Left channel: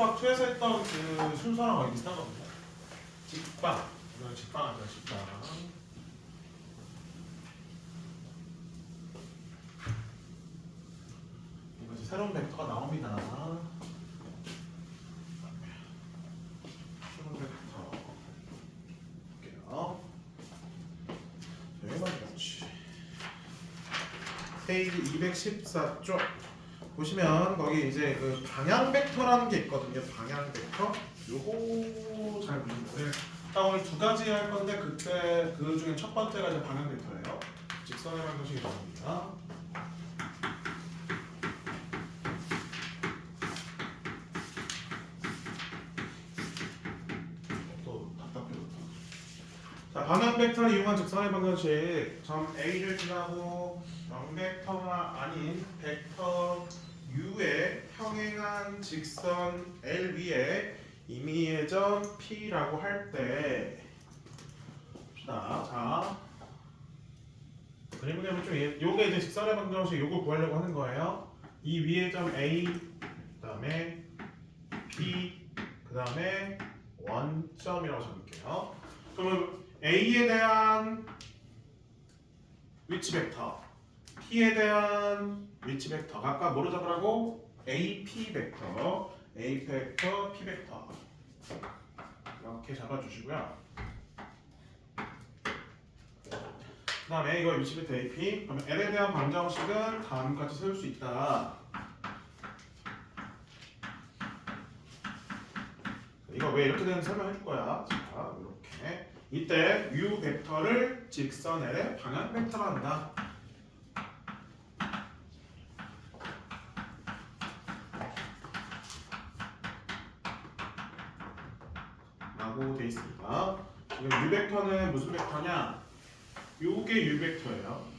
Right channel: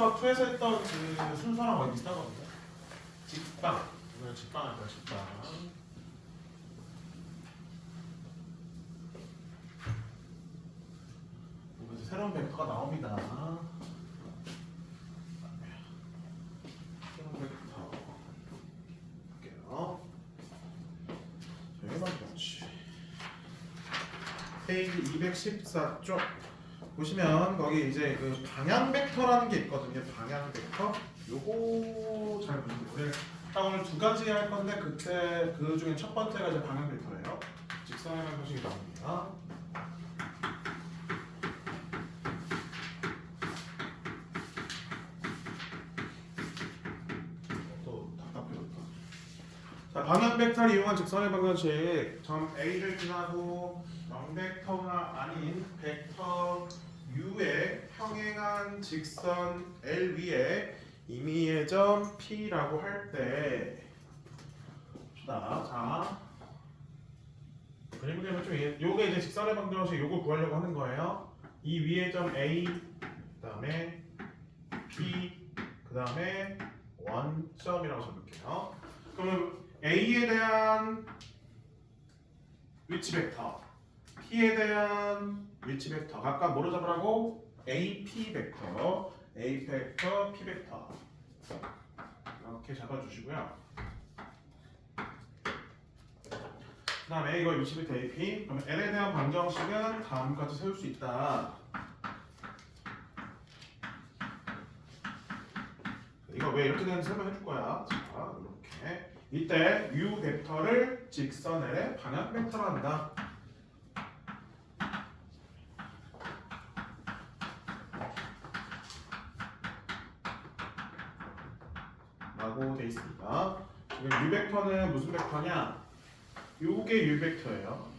수학 2에서 했던 그 순서랑 거의 비슷하거든요. 직방. 오늘 직방 할 거야, 직방. 이거 새로운 벡터가 나옵니다. 새로운 벡터. 볼게요. 대박이지. 페이지 214쪽 보시면 거기 이제 그 방향 벡터라는 게 있거든요. 방향 벡터. 요거 잘 모르겠는데 오늘 두 가지 할 건데 그때 그 중에 첫 번째가 이제 방향 벡터예요. 직선의 방정식이 나옵니다. 또 답답해졌다. 자, 방향 벡터를 이용한 직선의 방정식. 점 A를 지나고 영벡터가 아닌 벡터 U의 평행한 직선 L 위에 임의의 점 P라고 할 때 자, 그림을 그리면 좀 요게 이제 직선의 방정식 요거 구하려고 하는 거예요. 이 위의 점 A 그다음에 P 그다음에 원점이라고 적을게요. 그러면 A에 대한 위치 벡터 P에 대한 위치 벡터 각각 뭐로 잡으라고? AP 벡터, A 벡터, P 벡터 이렇게 잡아주시고요. 그 다음에 이거 위치 벡터 AP 그러면 L에 대한 방정식은 다음과 같이 세울 수 있다. 이거 왜 이렇게 되는지 설명해 줄 거야. 자, 이렇게 이때 U 벡터를 직선 L의 방향 벡터로 한다. 라고 돼 있습니다. 지금 U 벡터는 무슨 벡터냐? 요게 U 벡터예요.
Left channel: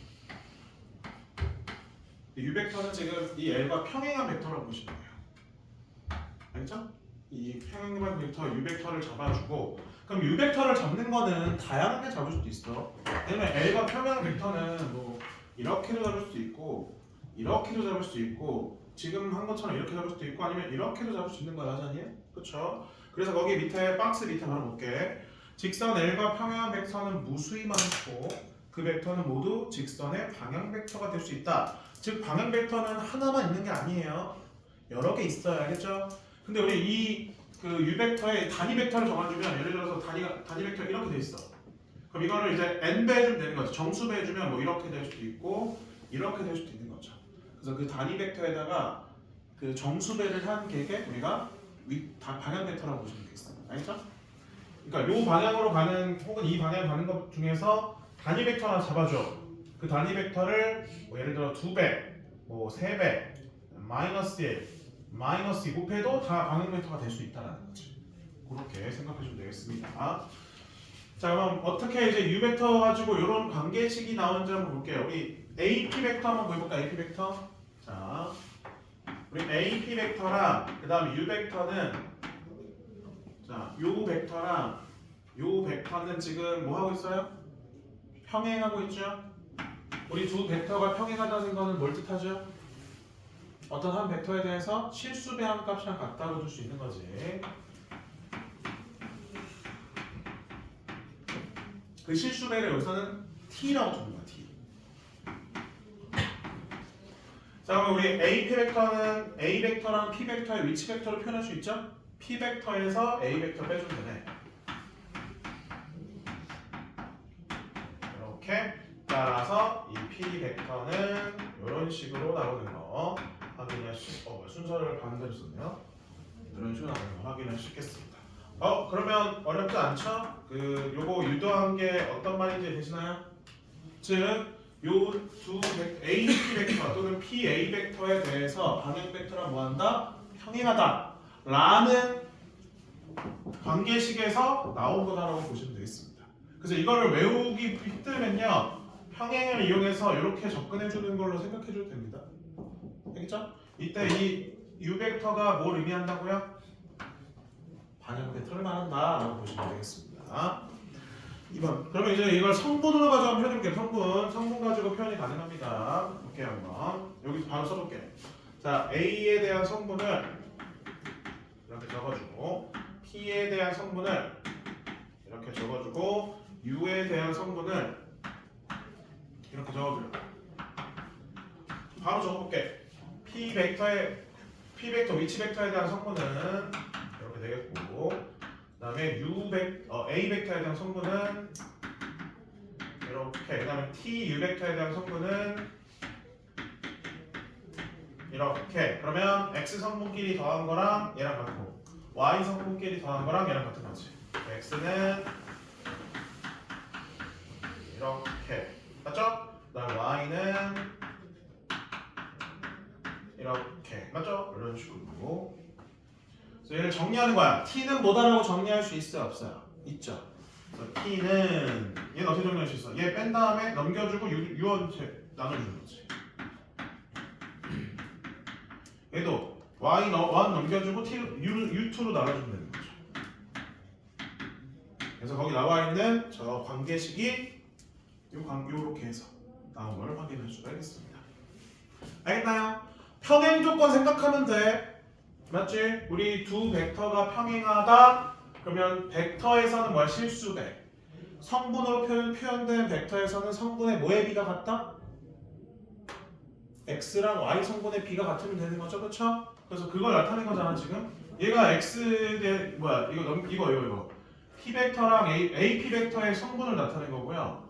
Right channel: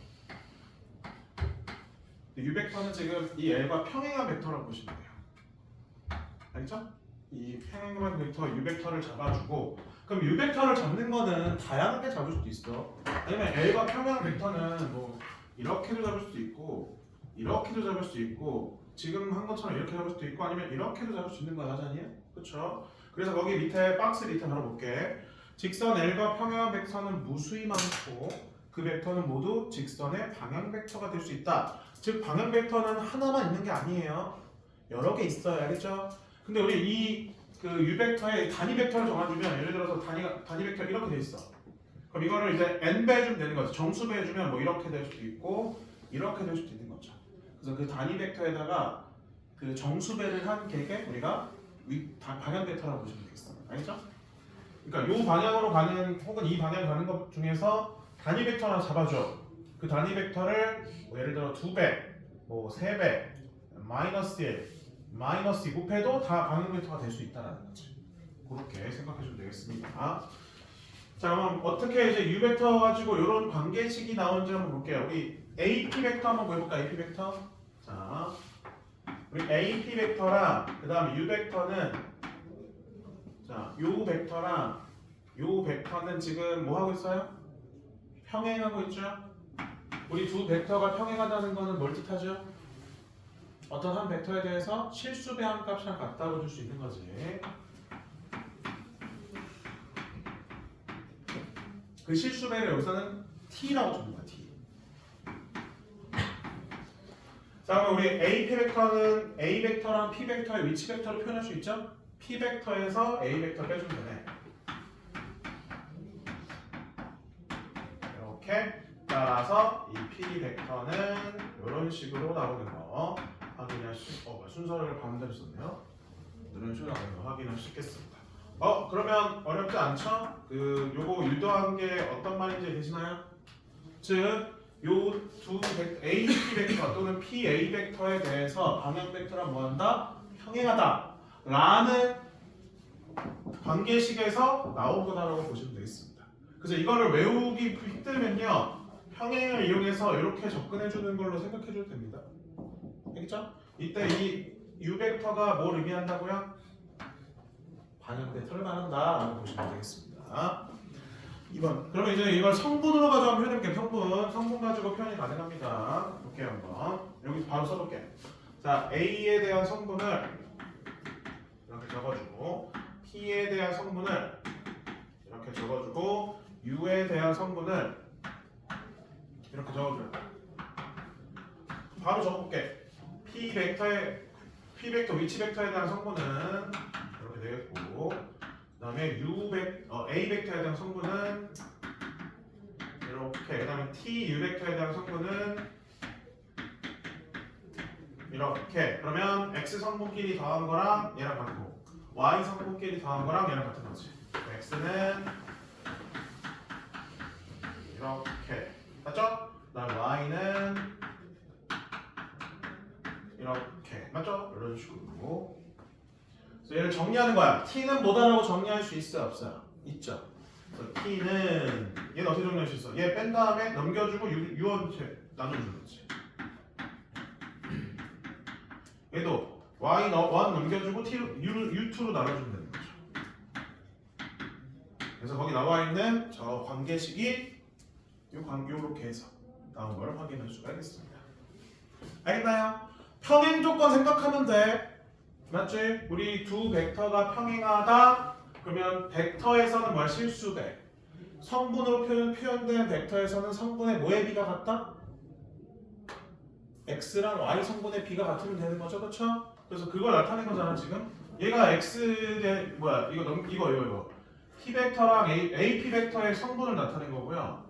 U 벡터는 지금 이 L과 평행한 벡터라고 보시면 돼요. 알겠죠? 이 평행한 벡터 U 벡터를 잡아주고 그럼 U 벡터를 잡는 거는 다양하게 잡을 수도 있어. 왜냐면 L과 평행한 벡터는 뭐 이렇게도 잡을 수도 있고 이렇게도 잡을 수도 있고 지금 한 것처럼 이렇게 잡을 수도 있고 아니면 이렇게도 잡을 수 있는 거야, 하잖아요. 그렇죠? 그래서 거기 밑에 박스 밑에 바로 볼게. 직선 L과 평행한 벡터는 무수히 많고 그 벡터는 모두 직선의 방향 벡터가 될 수 있다. 즉 방향 벡터는 하나만 있는 게 아니에요. 여러 개 있어요. 알겠죠? 근데 우리 이 그 U 벡터의 단위 벡터를 정해주면 예를 들어서 단위 벡터 이렇게 돼 있어. 그럼 이거를 이제 n 배 해주면 되는 거죠. 정수배 해주면 뭐 이렇게 될 수도 있고 이렇게 될 수도 있는 거죠. 그래서 그 단위 벡터에다가 그 정수배를 한 객에 우리가 방향 벡터라고 보시면 되겠어요. 알겠죠? 그러니까 이 방향으로 가는 혹은 이 방향 가는 것 중에서 단위 벡터 하나 잡아줘. 그 단위 벡터를 뭐 예를 들어 2배, 뭐 3배, 마이너스 1, 마이너스 2 곱해도 다 방향 벡터가 될 수 있다는 거지. 그렇게 생각해주면 되겠습니다. 자, 그럼 어떻게 이제 U 벡터 가지고 이런 관계식이 나오는지 한번 볼게요. 우리 AP 벡터 한번 보여볼까? AP 벡터. 자, 우리 AP 벡터랑 그 다음에 U 벡터는 자, 요 벡터랑 요 벡터는 지금 뭐 하고 있어요? 평행하고 있죠? 우리 두 벡터가 평행하다는 거는 뭘 뜻하죠? 어떤 한 벡터에 대해서 실수배한 값이랑 같다고 줄 수 있는 거지. 그 실수배를 여기서는 T라고 주는 거야, T. 자, 그럼 우리 AP 벡터는 A 벡터랑 P 벡터의 위치 벡터로 표현할 수 있죠? P 벡터에서 A 벡터 빼주면 되네. 이렇게 따라서 이 P 벡터는 이런 식으로 나오는 거 확인할 수, 순서를 반대로 썼네요. 이런 식으로 나오는 거 확인할 수 있겠습니다. 그러면 어렵지 않죠? 요거 유도한 게 어떤 말인지 되시나요? 즉, 요 두 A, P 벡터 또는 P, A 벡터에 대해서 방향 벡터랑 뭐한다? 평행하다 라는 관계식에서 나온 거다라고 보시면 되겠습니다. 그래서 이거를 외우기 힘들면요 평행을 이용해서 이렇게 접근해 주는 걸로 생각해 줘도 됩니다. 알겠죠? 이때 이 U 벡터가 뭘 의미한다고요? 방향 벡터를 말한다 라고 보시면 되겠습니다. 2번. 그러면 이제 이걸 성분으로 가지고 한번 표현해볼게요. 성분 가지고 표현이 가능합니다. 볼게요 한번. 여기 바로 써볼게요. 자, A에 대한 성분을 이렇게 적어주고 P에 대한 성분을 이렇게 적어주고 U에 대한 성분을 이렇게 적어줘요. 바로 적어볼게. P 벡터 위치 벡터에 대한 성분은 이렇게 되겠고, 그다음에 A 벡터에 대한 성분은 이렇게, 그다음에 T U 벡터에 대한 성분은 이렇게. 그러면 X 성분끼리 더한 거랑 얘랑 같고, Y 성분끼리 더한 거랑 얘랑 같은 거지. X는 이렇게, 맞죠? 그다음에 Y는 이렇게, 맞죠? 이런 식으로. 그래서 얘를 정리하는 거야. T는 뭐다라고 정리할 수 있어요, 없어요? 있죠. 그래서 T는 얘는 어떻게 정리할 수 있어? 얘 뺀 다음에 넘겨주고 U한테 나눠주는 거지. 얘도 Y1 넘겨주고 U2로 나눠주면 되는 거죠. 그래서 거기 나와 있는 저 관계식이 요렇게 해서 나온 거를 확인할 수가 있겠습니다. 알겠나요? 평행 조건 생각하면 돼. 맞지? 우리 두 벡터가 평행하다. 그러면 벡터에서는 뭐야? 실수배. 성분으로 표현된 벡터에서는 성분의 뭐의 비가 같다? X랑 Y 성분의 비가 같으면 되는 거죠, 그렇죠? 그래서 그걸 나타낸 거잖아 지금. 얘가 X의 뭐야? 이거 P 벡터랑 AP 벡터의 성분을 나타낸 거고요.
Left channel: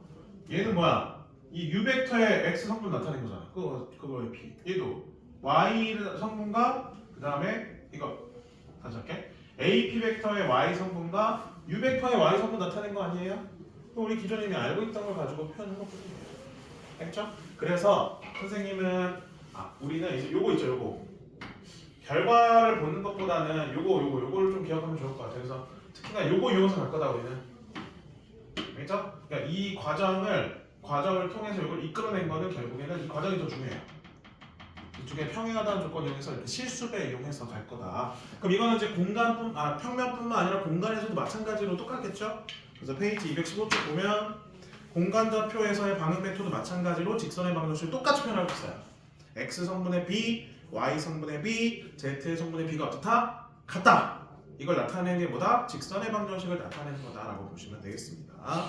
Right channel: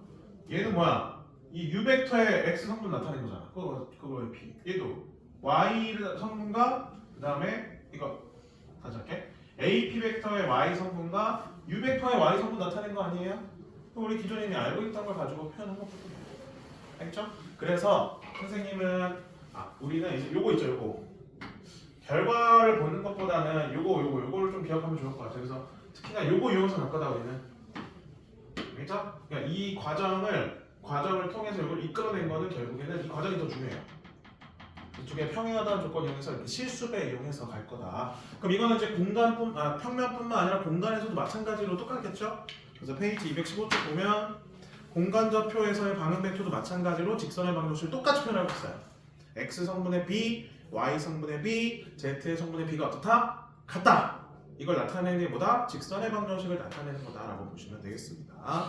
얘는 뭐야? 이 U 벡터의 X 성분 나타낸 거잖아. 그거의 P. 얘도 Y 성분과 그 다음에 이거 다시 할게. AP 벡터의 Y 성분과 U 벡터의 Y 성분 나타낸 거 아니에요? 우리 기존에 이미 알고 있던 걸 가지고 표현한 것뿐이에요. 알겠죠? 그래서 선생님은 우리는 이제 요거 있죠, 요거 결과를 보는 것보다는 요거를 좀 기억하면 좋을 것 같아요. 그래서 특히나 요거 이용해서 갈 거다 우리는. 알겠죠? 그러니까 이 과정을 통해서 이걸 이끌어낸 거는 결국에는 이 과정이 더 중요해요. 이쪽에 평행하다는 조건 이용해서 이렇게 실수배 이용해서 갈 거다. 그럼 이거는 이제 평면뿐만 아니라 공간에서도 마찬가지로 똑같겠죠? 그래서 페이지 215쪽 보면 공간좌표에서의 방향 벡터도 마찬가지로 직선의 방정식을 똑같이 표현하고 있어요. X 성분의 B, Y 성분의 B, Z의 성분의 B가 어떻다? 같다. 이걸 나타내는 게 뭐다? 직선의 방정식을 나타내는 거다라고 보시면 되겠습니다.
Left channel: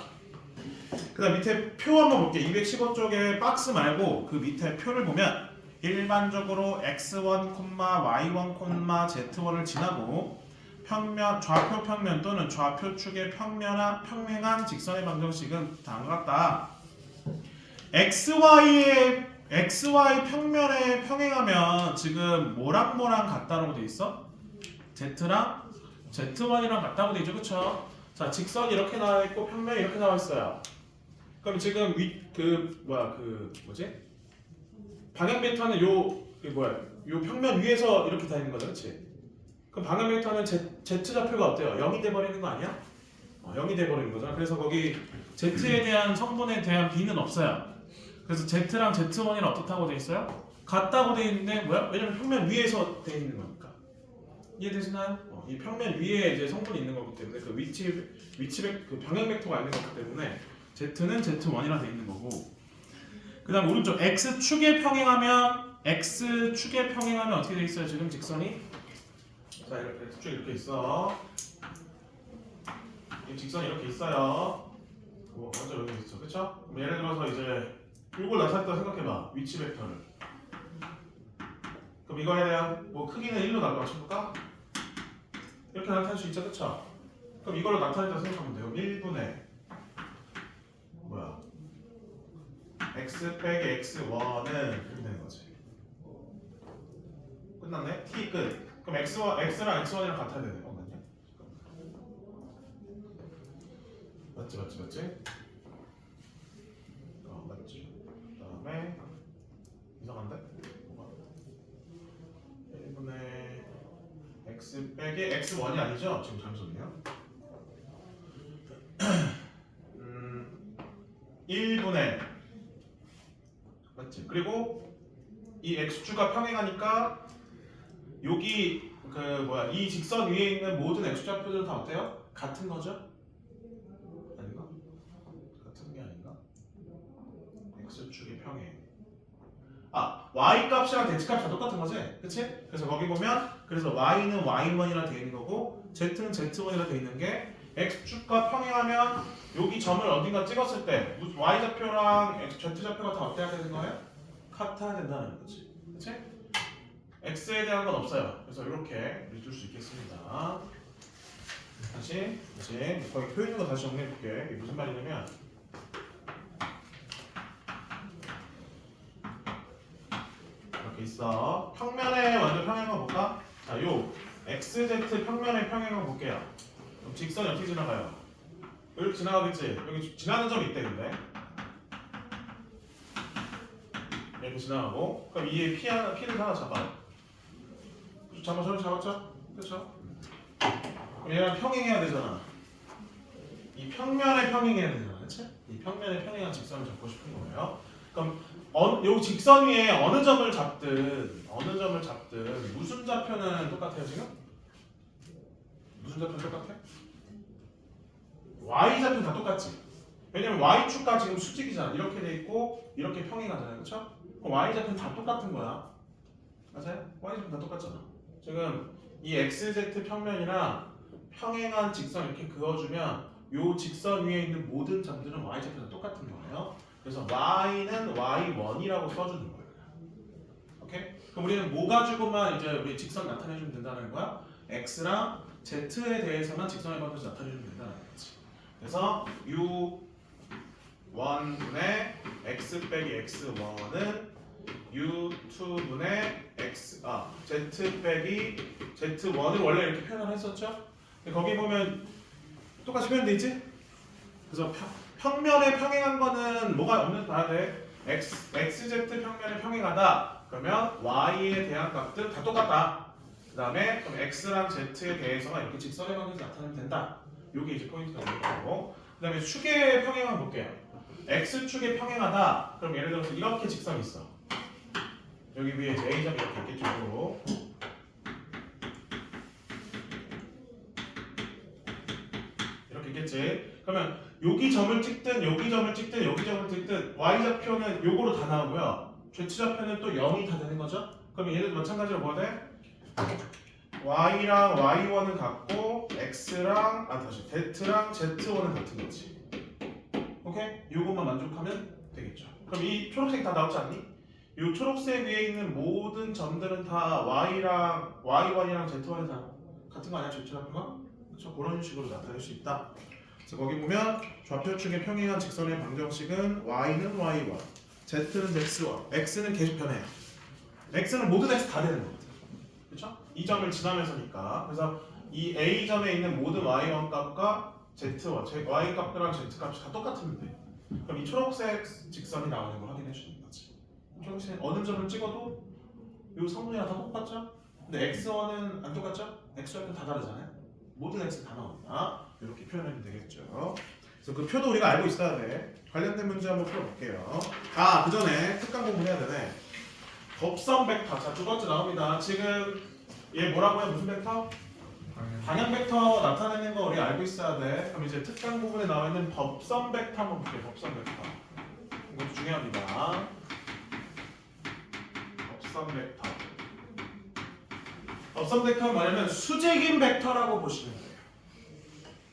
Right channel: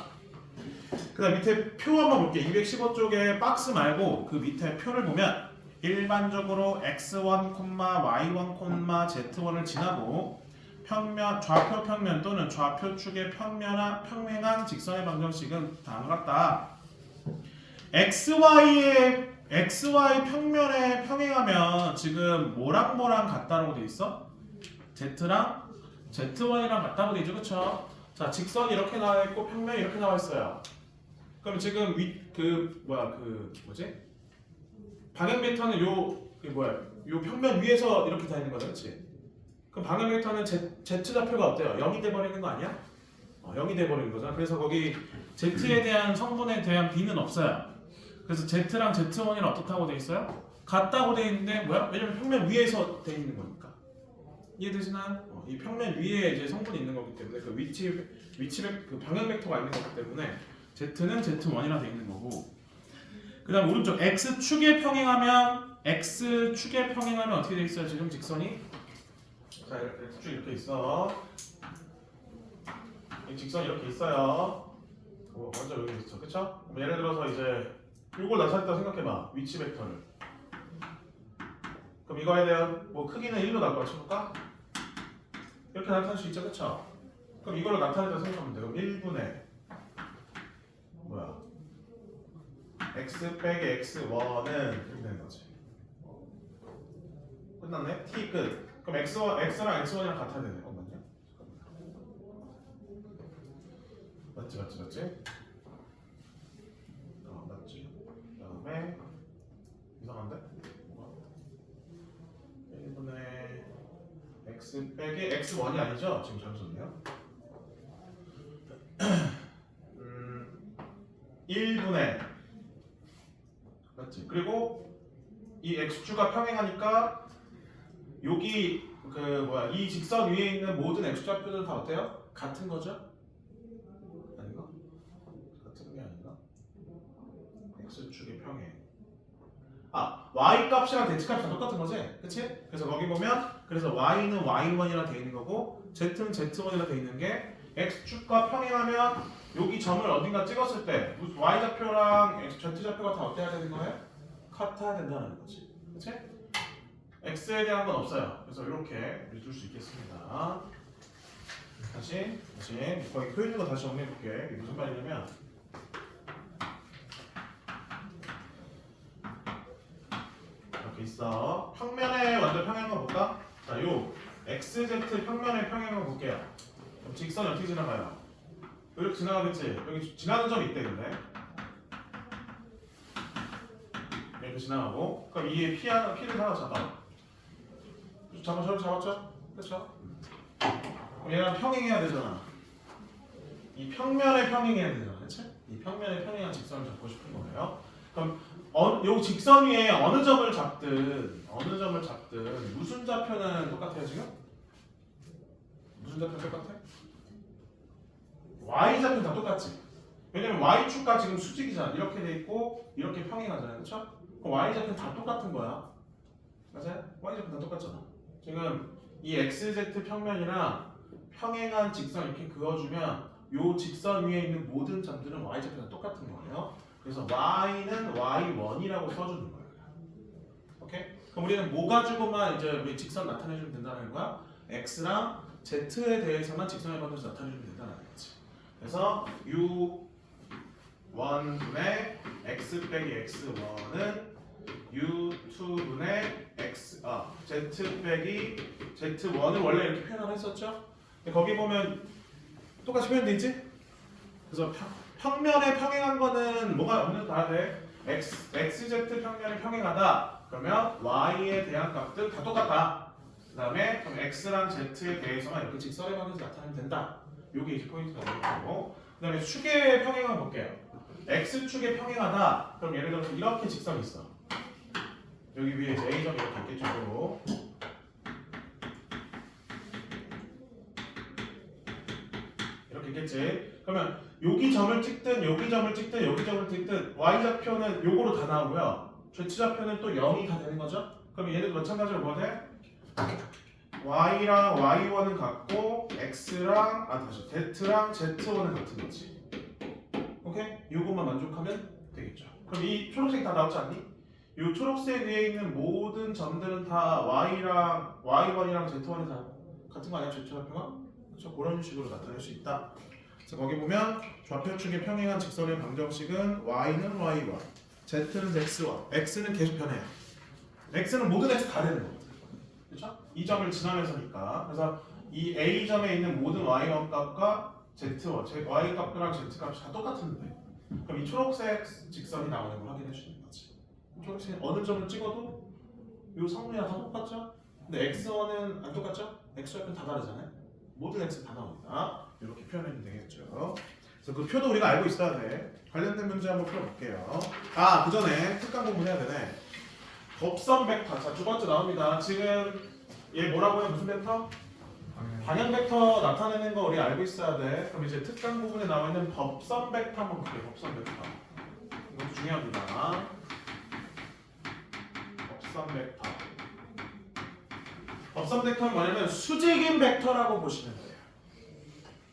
그 다음 밑에 표 한번 볼게요. 215쪽에 박스 말고 그 밑에 표를 보면 일반적으로 X1, Y1, Z1을 지나고 좌표 평면 또는 좌표 축의 평행한 직선의 방정식은 다음과 같다. XY 평면에 평행하면 지금 뭐랑 같다라고 돼 있어? Z랑 Z1이랑 같다고 돼 있죠, 그렇죠? 자, 직선이 이렇게 나와 있고 평면이 이렇게 나와 있어요. 그럼 지금 방향 벡터는 요 평면 위에서 이렇게 다 있는 거죠, 그렇지? 그럼 방향 벡터는 Z 좌표가 어때요? 0이 돼 버리는 거 아니야? 0이 돼 버리는 거잖아. 그래서 거기 Z에 대한 성분에 대한 B는 없어요. 그래서 Z랑 Z1이랑 어떻다고 돼 있어요? 같다고 돼 있는데 뭐야? 왜냐면 평면 위에서 돼 있는 거니까. 이해되시나요? 이 평면 위에 이제 성분이 있는 거기 때문에 그 그 방향 벡터가 있는 거기 때문에 Z는 Z1이라 돼 있는 거고. 그다음 오른쪽 X축에 평행하면 어떻게 돼 있어요? 지금 직선이 자, X축 이렇게 있어. 이 직선이 이렇게 있어요. 완전 여기 있죠, 그렇죠? 예를 들어서 이제 이걸 나타냈다 생각해봐. 위치 벡터를. 그럼 이거에 대한 크기는 1로 맞춰볼까? 이렇게 나타낼 수 있죠, 그렇죠? 그럼 이걸로 나타냈다 생각하면 돼요. 1분의 x 빼기 x1은 이렇게 되는 거지. 끝났네? t 끝. 그럼 x랑 x1이랑 같아야 되네. 맞냐? 맞지? 맞지? 그 다음에 이상한데? 1분의 x 빼기 x1이 아니죠? 지금 잠수는요? 1분의 맞지? 그리고 이 x축가 평행하니까 여기 이 직선 위에 있는 모든 x좌표들은 다 어때요? 같은 거죠? 아닌가? 같은 게 아닌가? x축이 평행. y 값이랑 z 값이 다 똑같은 거지? 그치? 그래서 거기 보면 그래서 y는 y1이라 돼 있는 거고 z는 z1이라 돼 있는 게 x축과 평행하면 여기 점을 어딘가 찍었을 때 y좌표랑 z좌표가 다 어때야 되는 거예요? 같아야 된다는 거지. 그치? x에 대한 건 없어요. 그래서 이렇게 읽을 수 있겠습니다. 다시 거기 표현인 거 다시 정리해 볼게. 이게 무슨 말이냐면 이렇게 있어. 평면에 먼저 평행한 볼까? 자, 요 xz 평면의 평행한 볼게요. 그럼 직선이 어떻게 지나가요? 이렇게 지나가겠지? 여기 지나는 점이 있대 근데 이렇게 지나가고 그럼 이에 피를 하나 잡아. 저기 잡았죠? 그렇죠? 그럼 얘랑 평행해야 되잖아. 이 평면에 평행해야 되잖아, 그렇지? 이 평면에 평행한 직선을 잡고 싶은 거예요. 그럼 요 직선 위에 어느 점을 잡든 무슨 좌표는 똑같아요 지금? 무슨 좌표는 똑같아? y 좌표는 다 똑같지. 왜냐면 y축과 지금 수직이잖아. 이렇게 돼 있고 이렇게 평행하잖아요, 그렇죠? 그럼 y 좌표는 다 똑같은 거야. 맞아요? y 좌표는 다 똑같잖아. 지금 이 xz 평면이랑 평행한 직선 이렇게 그어주면 요 직선 위에 있는 모든 점들은 y 좌표가 똑같은 거예요. 그래서 y는 y1이라고 써주는 거예요. 오케이? 그럼 우리는 뭐 가지고만 이제 우리 직선 나타내주면 된다는 거야? x랑 z에 대해서만 직선의 방정식 나타내주면 된다는 거지. 그래서 u1분의 x 빼기 x1은 u2분의 z 빼기 z1을 원래 이렇게 표현을 했었죠? 근데 거기 보면 똑같이 표현돼 있지? 그래서 평면에 평행한 거는 뭐가 없는 봐야 돼? xz 평면에 평행하다. 그러면 y에 대한 값들 다 똑같다. 그 다음에 그럼 x랑 z에 대해서만 이렇게 직선의 방정식 나타내면 된다. 요게 이제 포인트가 되는 거고. 그 다음에 축에 평행한 거 볼게요. x축에 평행하다. 그럼 예를 들어서 이렇게 직선이 있어. 여기 위에 이제 A점이 이렇게 있겠죠. 이렇게 있겠지. 그러면 여기 점을 찍든 여기 점을 찍든 여기 점을 찍든 y좌표는 요거로 다 나오고요. z좌표는 또 0이 다 되는 거죠. 그럼 얘네도 마찬가지로 뭐 돼? y랑 y1은 같고 x랑 z랑 z1은 같은 거지. 오케이? 요것만 만족하면 되겠죠. 그럼 이 초록색 다 나오지 않니? 이 초록색 위에 있는 모든 점들은 다 y1이랑 z1이 다 같은 거 아니야? z좌표가? 그렇죠? 그런 식으로 나타낼 수 있다. 그래서 거기 보면 좌표축에 평행한 직선의 방정식은 y는 y1, z는 x1, x는 계속 변해요. x는 모든 x 다 되는 거거든. 그렇죠? 이 점을 지나면서니까. 그래서 이 a 점에 있는 모든 y1 값과 z1, y 값이랑 z 값이 다 똑같은데 그럼 이 초록색 직선이 나오는 걸 확인해 주는 거지. 초록색 어느 점을 찍어도 이 성분이랑 다 똑같죠? 근데 x1은 안 똑같죠? x좌표는 다 다르잖아요. 모든 x 다 나옵니다. 이렇게 표현하면 되겠죠. 그래서 그 표도 우리가 알고 있어야 돼. 관련된 문제 한번 풀어볼게요. 그 전에 특강 공부해야 되네. 법선 벡터. 자, 두 번째 나옵니다. 지금 얘 뭐라고요? 무슨 벡터? 방향 벡터 나타내는 거 우리 알고 있어야 돼. 그럼 이제 특강 부분에 나와 있는 법선 벡터 한번 볼게요. 법선 벡터. 이것도 중요합니다. 법선 벡터. 법선 벡터는 뭐냐면 수직인 벡터라고 보시면 돼요.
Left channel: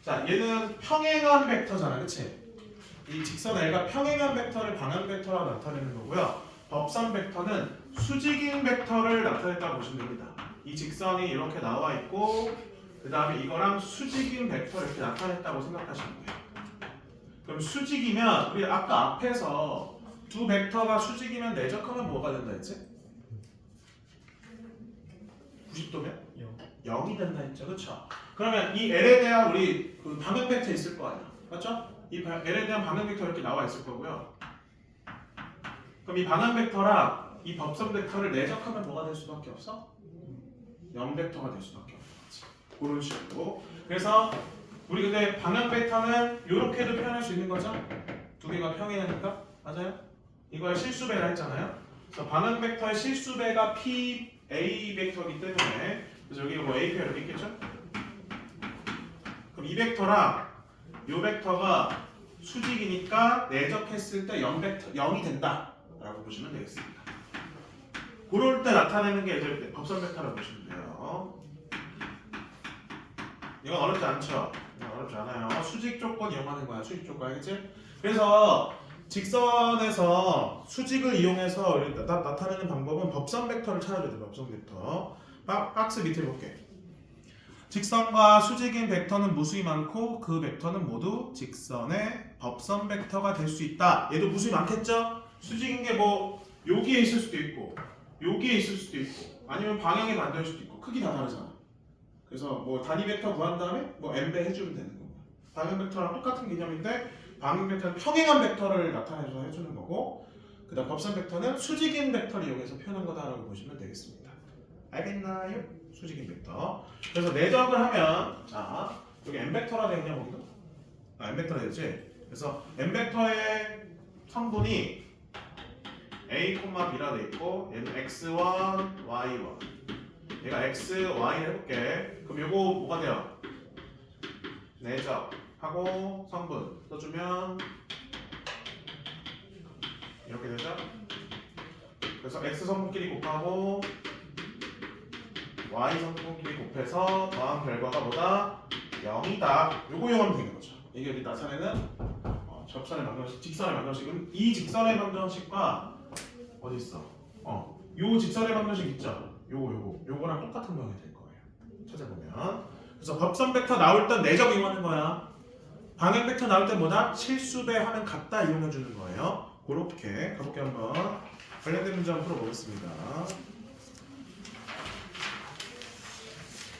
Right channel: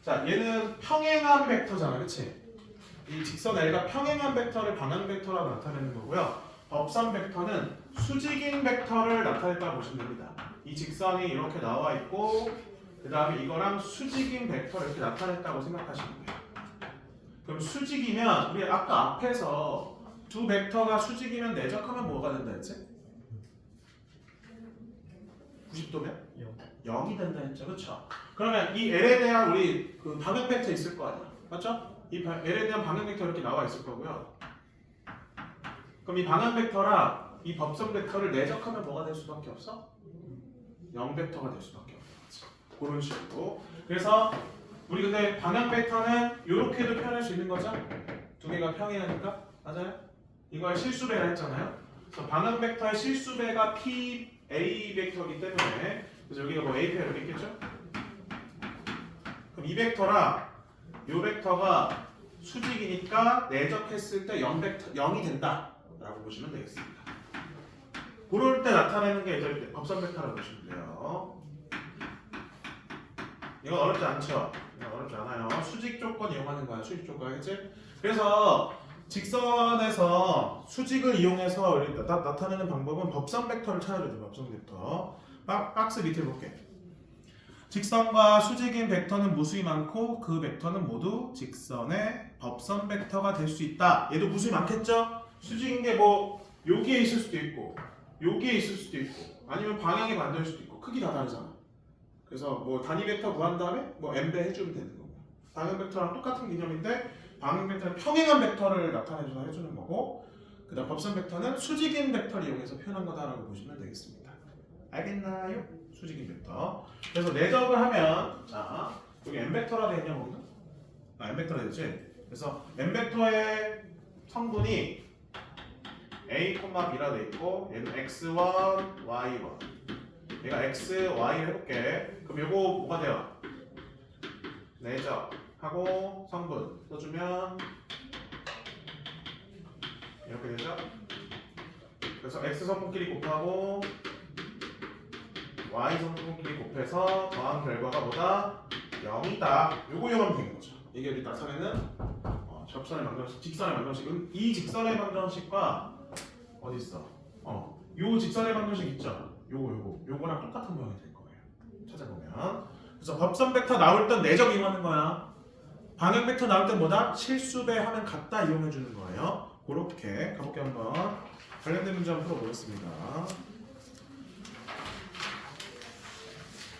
자, 얘는 평행한 벡터잖아, 그렇지? 이 직선 L과 평행한 벡터를 방향 벡터라고 나타내는 거고요. 법선 벡터는 수직인 벡터를 나타냈다고 보시면 됩니다. 이 직선이 이렇게 나와 있고, 그 다음에 이거랑 수직인 벡터를 이렇게 나타냈다고 생각하시면 돼요. 그럼 수직이면 우리 아까 앞에서 두 벡터가 수직이면 내적하면 뭐가 된다 했지? 90도면? 0이 된다 했죠, 그렇죠? 그러면 이 L에 대한 우리 그 방향 벡터 있을 거 아니야, 맞죠? 이 L에 대한 방향 벡터 이렇게 나와 있을 거고요. 그럼 이 방향 벡터랑 이 법선 벡터를 내적하면 뭐가 될 수밖에 없어? 0 벡터가 될 수밖에 없어. 그런 식으로. 그래서 우리 근데 방향 벡터는 이렇게도 표현할 수 있는 거죠? 두 개가 평행하니까, 맞아요? 이걸 실수배라 했잖아요. 그래서 방향 벡터의 실수배가 P A 벡터이기 때문에 그래서 여기가 뭐 AP가 이렇게 있겠죠? 그럼 이 벡터랑 이 벡터가 수직이니까 내적했을 때 0벡터 0이 된다라고 보시면 되겠습니다. 그럴 때 나타내는 게 이제 법선 벡터라고 보시면 돼요. 이건 어렵지 않죠? 이건 어렵지 않아요. 수직 조건 이용하는 거야. 수직 조건, 그치? 그래서 직선에서 수직을 이용해서 나타내는 방법은 법선 벡터를 찾아줘야 돼. 법선 벡터. 박스 밑에 볼게. 직선과 수직인 벡터는 무수히 많고 그 벡터는 모두 직선의 법선 벡터가 될 수 있다. 얘도 무수히 많겠죠? 수직인 게 뭐 여기에 있을 수도 있고 여기에 있을 수도 있고 아니면 방향이 반대일 수도 있고 크기 다 다르잖아. 그래서 뭐 단위 벡터 구한 다음에 뭐 n배 해주면 되는 거고 방향 벡터랑 똑같은 개념인데 방향 벡터는 평행한 벡터를 나타내줘서 해주는 거고 그다음 법선 벡터는 수직인 벡터를 이용해서 표현한 거다라고 보시면 되겠습니다. 알겠나요? 수직인 벡터. 그래서 내적을 하면 자 여기 n 벡터라 되어 있냐 거기도? n 벡터라 되지. 그래서 n 벡터의 성분이 a, b라 돼 있고 얘는 x1, y1. 얘가 x, y 해볼게. 그럼 요거 뭐가 돼요? 내적하고 성분 써주면 이렇게 되죠? 그래서 x 성분끼리 곱하고 y 성분끼리 곱해서 더한 결과가 뭐다? 0이다. 요거 이용하면 되는 거죠. 이게 우리 나타내는 접선의 방정식, 직선의 방정식. 이 직선의 방정식과 어디 있어? 요 직선의 방정식 있죠? 요거랑 똑같은 모양이 될 거예요. 찾아보면. 그래서 법선 벡터 나올 땐 내적 이용하는 거야. 방향 벡터 나올 땐 뭐다? 실수배 하면 같다 이용해 주는 거예요. 그렇게 가볼게 한번. 관련된 문제 한번 풀어보겠습니다.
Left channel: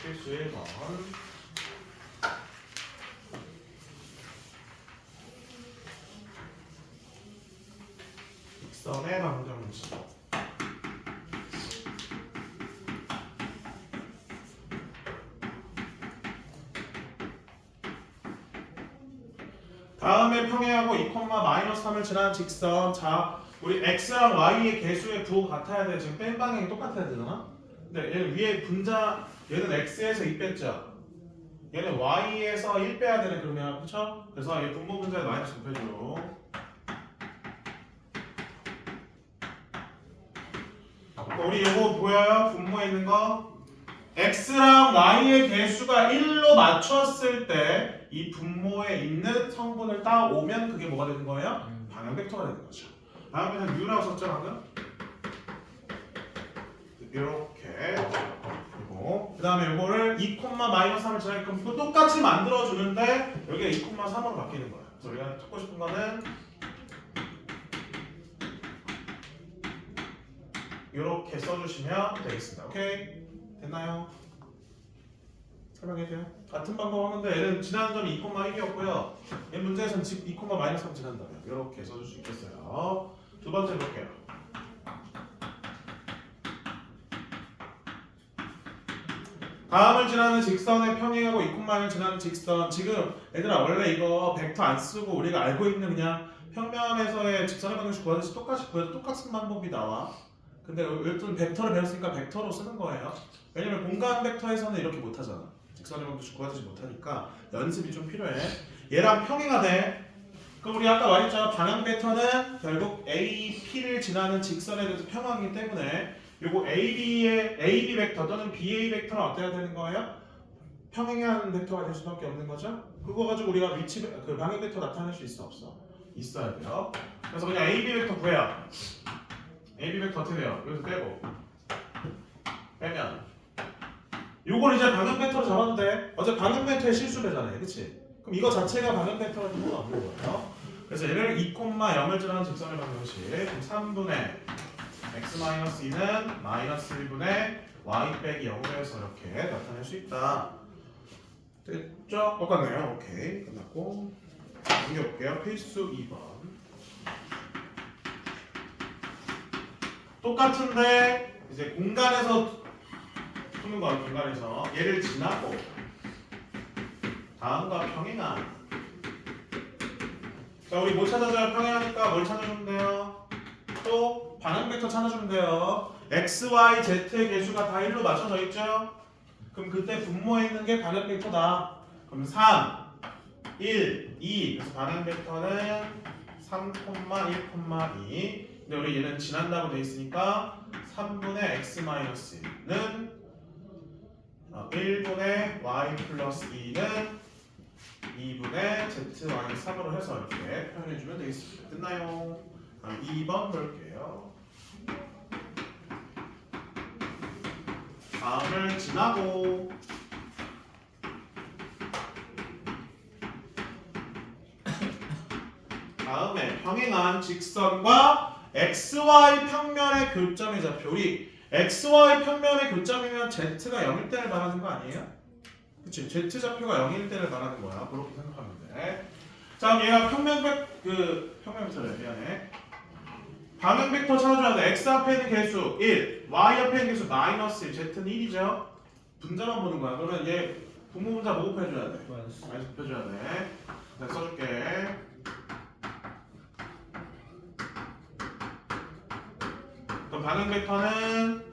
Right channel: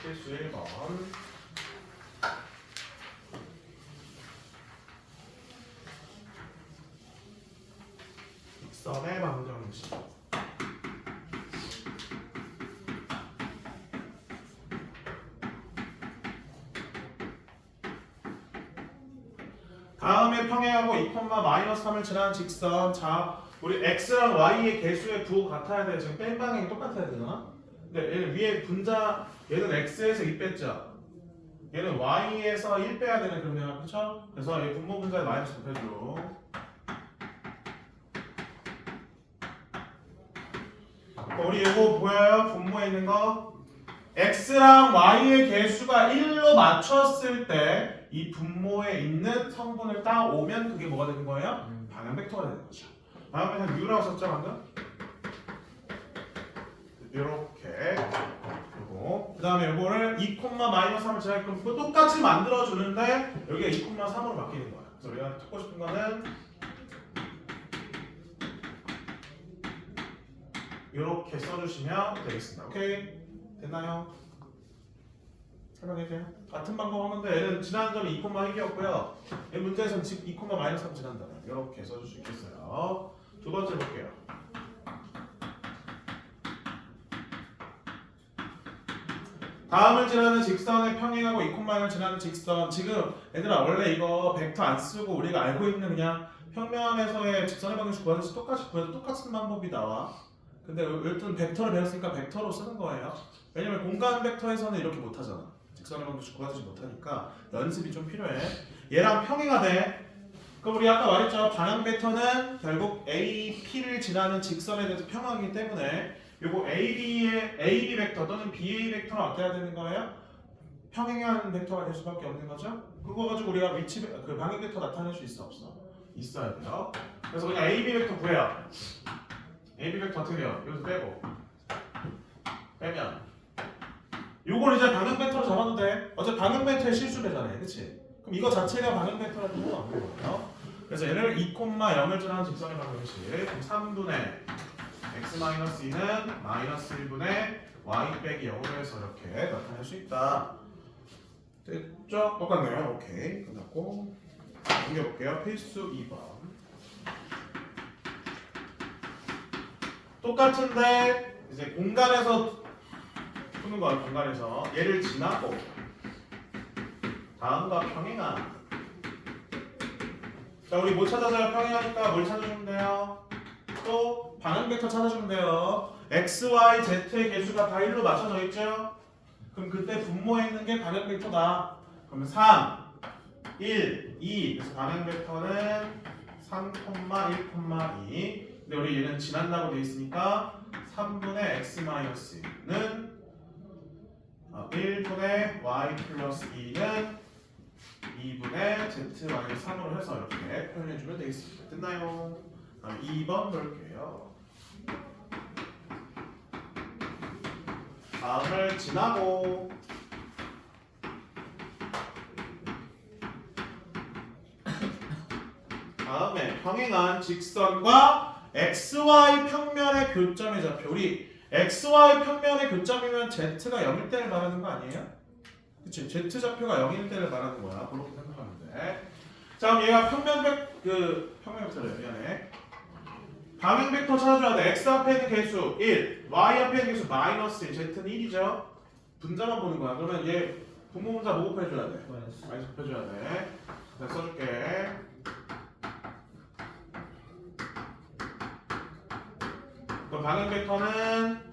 필수 1번. 직선의 방정식. 다음에 평행하고 2,-3을 지나는 직선. 자, 우리 x랑 y의 개수의 부호가 같아야 돼. 지금 뺀 방향이 똑같아야 되잖아. 근데 얘는 위에 분자, 얘는 x에서 2 뺐죠. 얘는 y에서 1 빼야 되네 그러면. 그쵸? 그래서 얘 분모 분자에 마이너스 곱해줘. 우리 이거 보여요? 분모에 있는 거? x랑 y의 개수가 1로 맞췄을 때 이 분모에 있는 성분을 따오면 그게 뭐가 되는 거예요? 방향 벡터가 되는 거죠. 다음에 한 u라고 썼죠 방금? 이렇게. 그리고 그 다음에 이거를 2,-3을 지날 거면 똑같이 만들어주는데 여기가 2,3으로 바뀌는 거예요. 그래서 우리가 찾고 싶은 거는 이렇게 써주시면 되겠습니다. 오케이? 됐나요? 설명해줘요. 같은 방법 하는데 얘는 지나는 점이 2,1이었고요. 얘 문제에서는 2,-3 지난다면 이렇게 써줄 수 있겠어요. 두 번째 볼게요. 다음을 지나는 직선의 평행하고 2,1을 지나는 직선. 지금 얘들아 원래 이거 벡터 안 쓰고 우리가 알고 있는 그냥 평면에서의 직선의 방정식 구하듯이 똑같이 구해도 똑같은 방법이 나와. 근데 일단 벡터를 배웠으니까 벡터로 쓰는 거예요. 왜냐면 공간 벡터에서는 이렇게 못하잖아. 직선의 방정식 구하듯이 못하니까 연습이 좀 필요해. 얘랑 평행하대. 그럼 우리 아까 말했죠. 방향 벡터는 결국 AP를 지나는 직선에 대해서 평행하기 때문에 요거 AB 벡터 또는 BA 벡터는 어때야 되는 거예요? 평행한 벡터가 될 수밖에 없는 거죠. 그거 가지고 우리가 위치 그 방향 벡터 나타낼 수 있어 없어? 있어야 돼요. 그래서 그냥 AB 벡터 구해요. AB 벡터 어떻게 돼요? 여기서 빼고 빼면 요걸 이제 방향 벡터로 잡아도 돼. 어제 방향 벡터의 실수배잖아요, 그렇지? 그럼 이거 자체가 방향 벡터라는 건 없는 거예요. 그래서 얘를 2,0을 지나는 직선의 방정식 3분의 x-2는 마이너스 1분의 y 빼기 0으로 해서 이렇게 나타낼 수 있다. 됐죠? 똑같네요. 오케이, 끝났고 넘겨볼게요. 필수 2번. 똑같은데 이제 공간에서 푸는 거야. 공간에서 얘를 지나고 다음과 평행한. 자, 우리 뭐 찾아줘요? 평행하니까 뭘 찾아주면 돼요? 또 방향 벡터 찾아주면 돼요. x, y, z의 개수가 다 1로 맞춰져 있죠? 그럼 그때 분모에 있는 게 방향 벡터다. 그럼 3, 1, 2. 그래서 방향 벡터는 3, 1, 2. 근데 우리 얘는 지난다고 돼 있으니까 3분의 x-1는 1분의 y 플러스 2는 2분의 z-3으로 해서 이렇게 표현해주면 되겠습니다. 됐나요? 다음 2번 볼게요. 다음을 지나고 다음에 평행한 직선과 xy 평면의 교점의 좌표. 우리 xy 평면의 교점이면 z가 0일 때를 말하는 거 아니에요? 그치? z 좌표가 0일 때를 말하는 거야. 그렇게 생각하면 돼. 자, 얘가 평면 벡터래. 미안해. 방향 벡터 찾아줘야 돼. x 앞에 있는 개수 1, y 앞에 있는 개수 마이너스 1, z는 1이죠. 분자만 보는 거야. 그러면 얘 분모 분자 뭐 곱해줘야 돼? 마이너스 곱해줘야 돼. 내가 써줄게. 그럼 방향 벡터는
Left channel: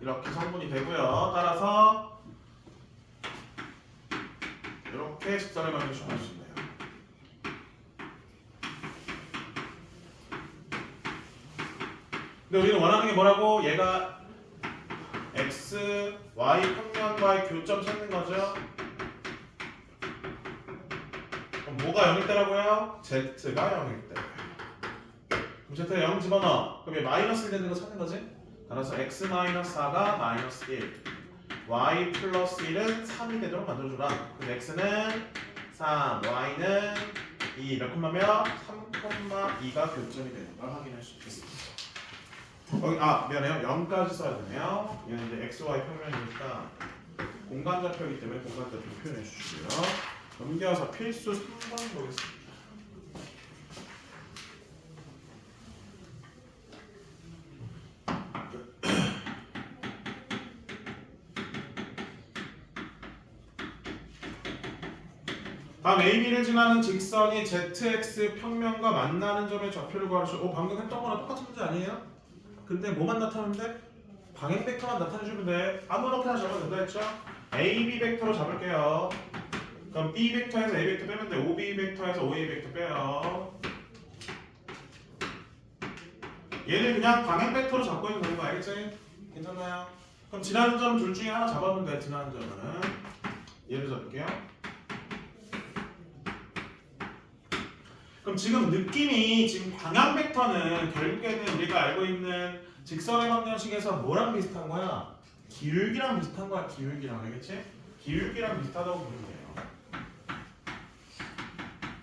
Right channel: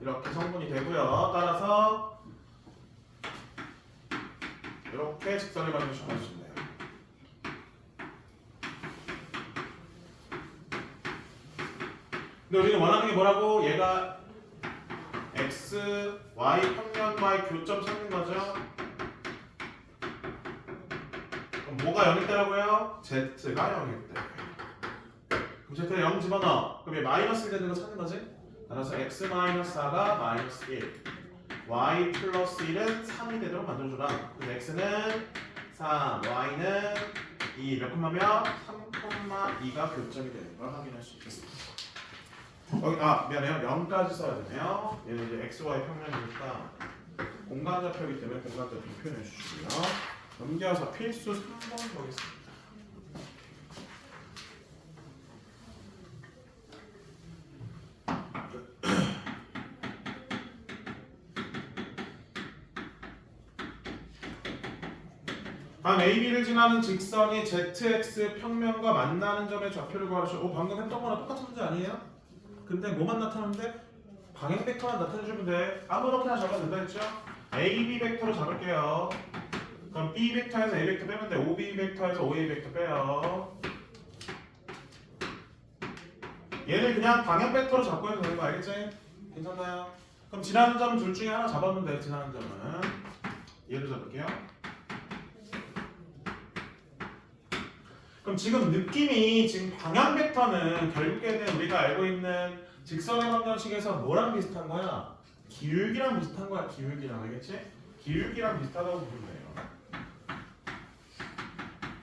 이렇게 성분이 되고요. 따라서 이렇게 직선의 방향을 표현할 수 있네요. 근데 우리는 원하는 게 뭐라고? 얘가 x, y 평면과의 교점 찾는 거죠. 그럼 뭐가 0일 때라고요? z가 0일 때. 그럼 z가 0 집어넣어. 그럼 얘 마이너스 1 되는 거 찾는 거지? 따라서 x-4가 마이너스 1, y 플러스 1은 3이 되도록 만들어줘라. 그럼 x는 3, y는 2. 몇 콤마며? 3,2가 교점이 되는 걸 확인할 수 있겠습니다. 미안해요. 0까지 써야 되네요. 얘는 이제 xy 평면이니까 공간 좌표이기 때문에 공간 좌표 표현해 주시고요. 넘겨서 필수 3번 보겠습니다. 다음 AB를 지나는 직선이 ZX 평면과 만나는 점의 좌표를 구하시오. 방금 했던 거랑 똑같은 문제 아니에요? 근데 뭐만 나타나는데? 방향 벡터만 나타내주면 돼. 아무렇게나 잡아도 된다 했죠? AB 벡터로 잡을게요. 그럼 B 벡터에서 A 벡터 빼면 돼. OB 벡터에서 OA 벡터 빼요. 얘를 그냥 방향 벡터로 잡고 해도 되는 거 알겠지? 괜찮나요? 그럼 지나는 점 둘 중에 하나 잡아보면 돼. 지나는 점은 얘를 잡을게요. 그럼 지금 느낌이 지금 방향 벡터는 결국에는 우리가 알고 있는 직선의 방정식에서 뭐랑 비슷한 거야? 기울기랑 비슷한 거야. 기울기랑 알겠지? 기울기랑 비슷하다고 보면 돼요.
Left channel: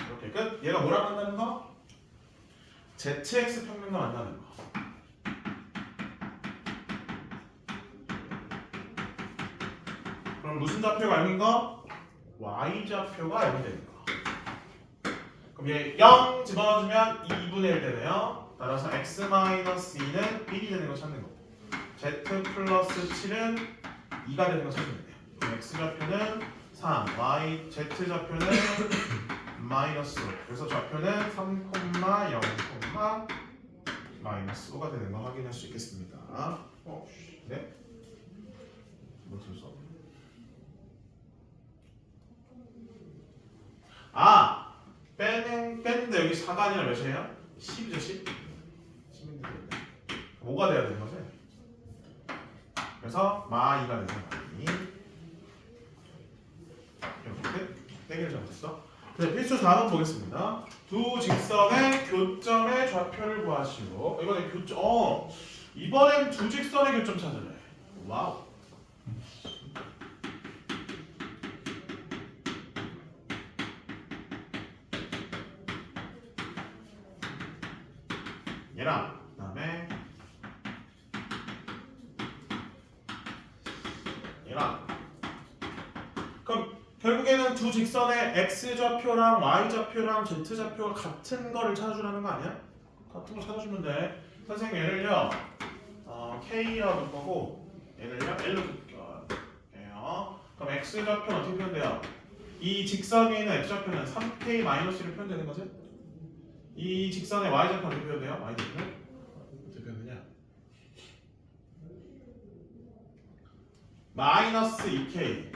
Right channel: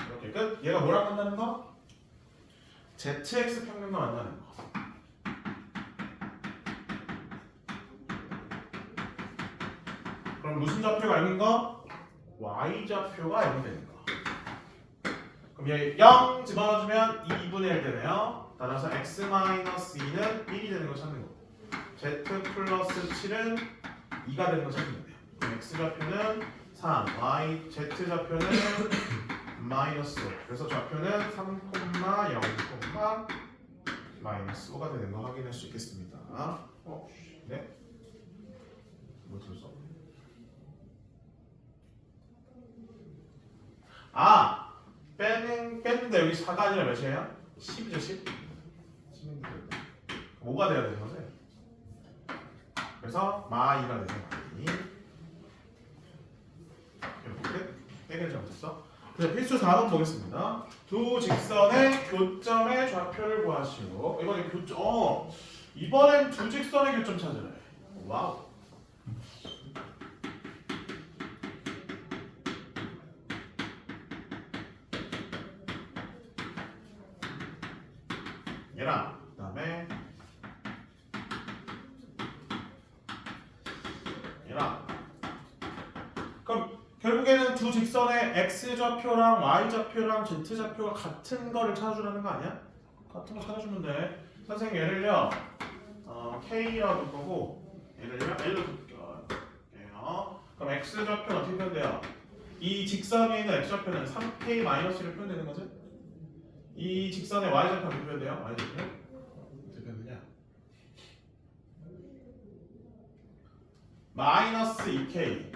이렇게 끝. 얘가 뭐랑 만나는 거? ZX 평면과 만나는 거. 그럼 무슨 좌표가 있는 거? Y 좌표가 0이 되는 거. 그럼 얘 0 집어넣어주면 2분의 1 되네요. 따라서 x-2는 1이 되는 거 찾는 거고 z 플러스 7은 2가 되는 거 찾으면 돼요. 그럼 x 좌표는 3, y, z 좌표는 마이너스 5. 그래서 좌표는 3, 0, 마이너스 5가 되는 거 확인할 수 있겠습니다. 네? 뭐 썼어? 뺐는데 여기 4가 아니라 몇이에요? 10이죠, 10? 10인데 5가 돼야 되는 거죠? 그래서 마2가 되는 거니 이렇게 끝? 땡을 잘못했어. 그래서 필수 4번 보겠습니다. 두 직선의 교점의 좌표를 구하시고 이번엔 이번엔 두 직선의 교점 찾으래. 와우. 얘랑 그다음에 얘랑 그럼 결국에는 두 직선의 x 좌표랑 y 좌표랑 z 좌표가 같은 거를 찾아주라는 거 아니야? 같은 거 찾아주면 돼. 선생님 얘를요 k라고 둘 거고 얘를요 l로 둘게요. 그럼 x 좌표는 어떻게 표현돼요? 이 직선 위에 있는 x 좌표는 3k-1로 표현되는 거지? 이 직선의 y 좌표 어떻게 표현돼요? y 좌표는 어떻게 표현되냐? 마이너스 2k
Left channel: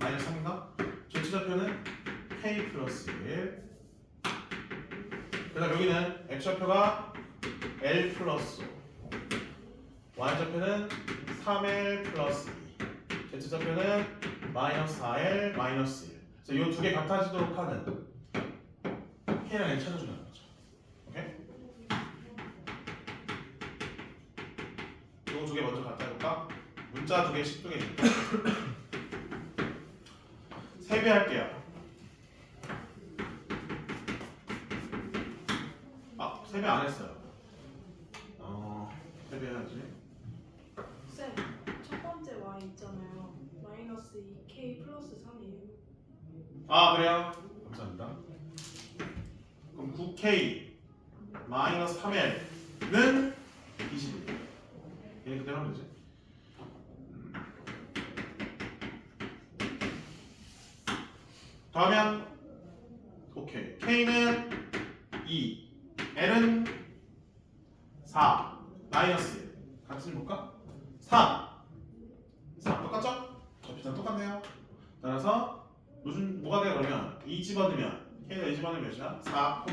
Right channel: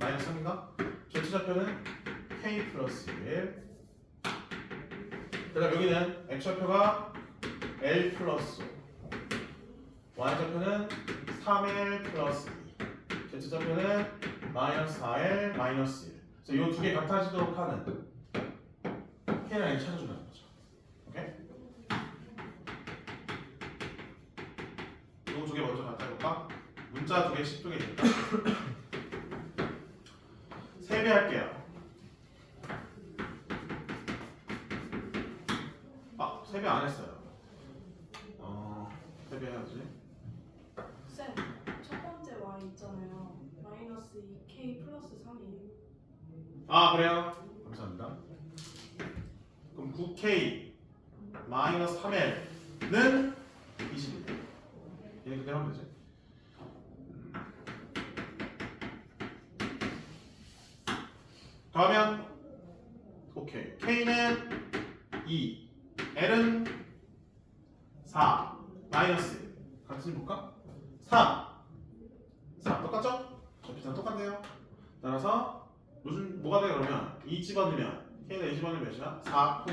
마이너스 3인가? z 좌표는 k 플러스 1. 그다음 여기는 x 좌표가 l 플러스 5. y좌표는 3l 플러스 2, z좌표는 마이너스 4l 마이너스 1. 그래서 이 두 개 같아지도록 하는 k랑 l 찾아주는 거죠. 오케이? 이 두 개 먼저 갖다 해볼까? 문자 두 개씩 두 개니까. 세배할게요. 세배 안 했어요. 세배해야지. 쌤, 첫 번째 y 있잖아요. 마이너스 2k 플러스 3이에요. 그래요? 감사합니다. 그럼 9k 마이너스 3l는 21. 얘는 그대로 하면 되지. 다음엔 오케이. k는 2, l은 4, 마이너스 1. 같이 볼까? 3. 똑같죠? 접히상 똑같네요. 따라서 뭐가 돼요 그러면? 2 집어넣으면 k가 2 집어넣으면 몇이야? 4,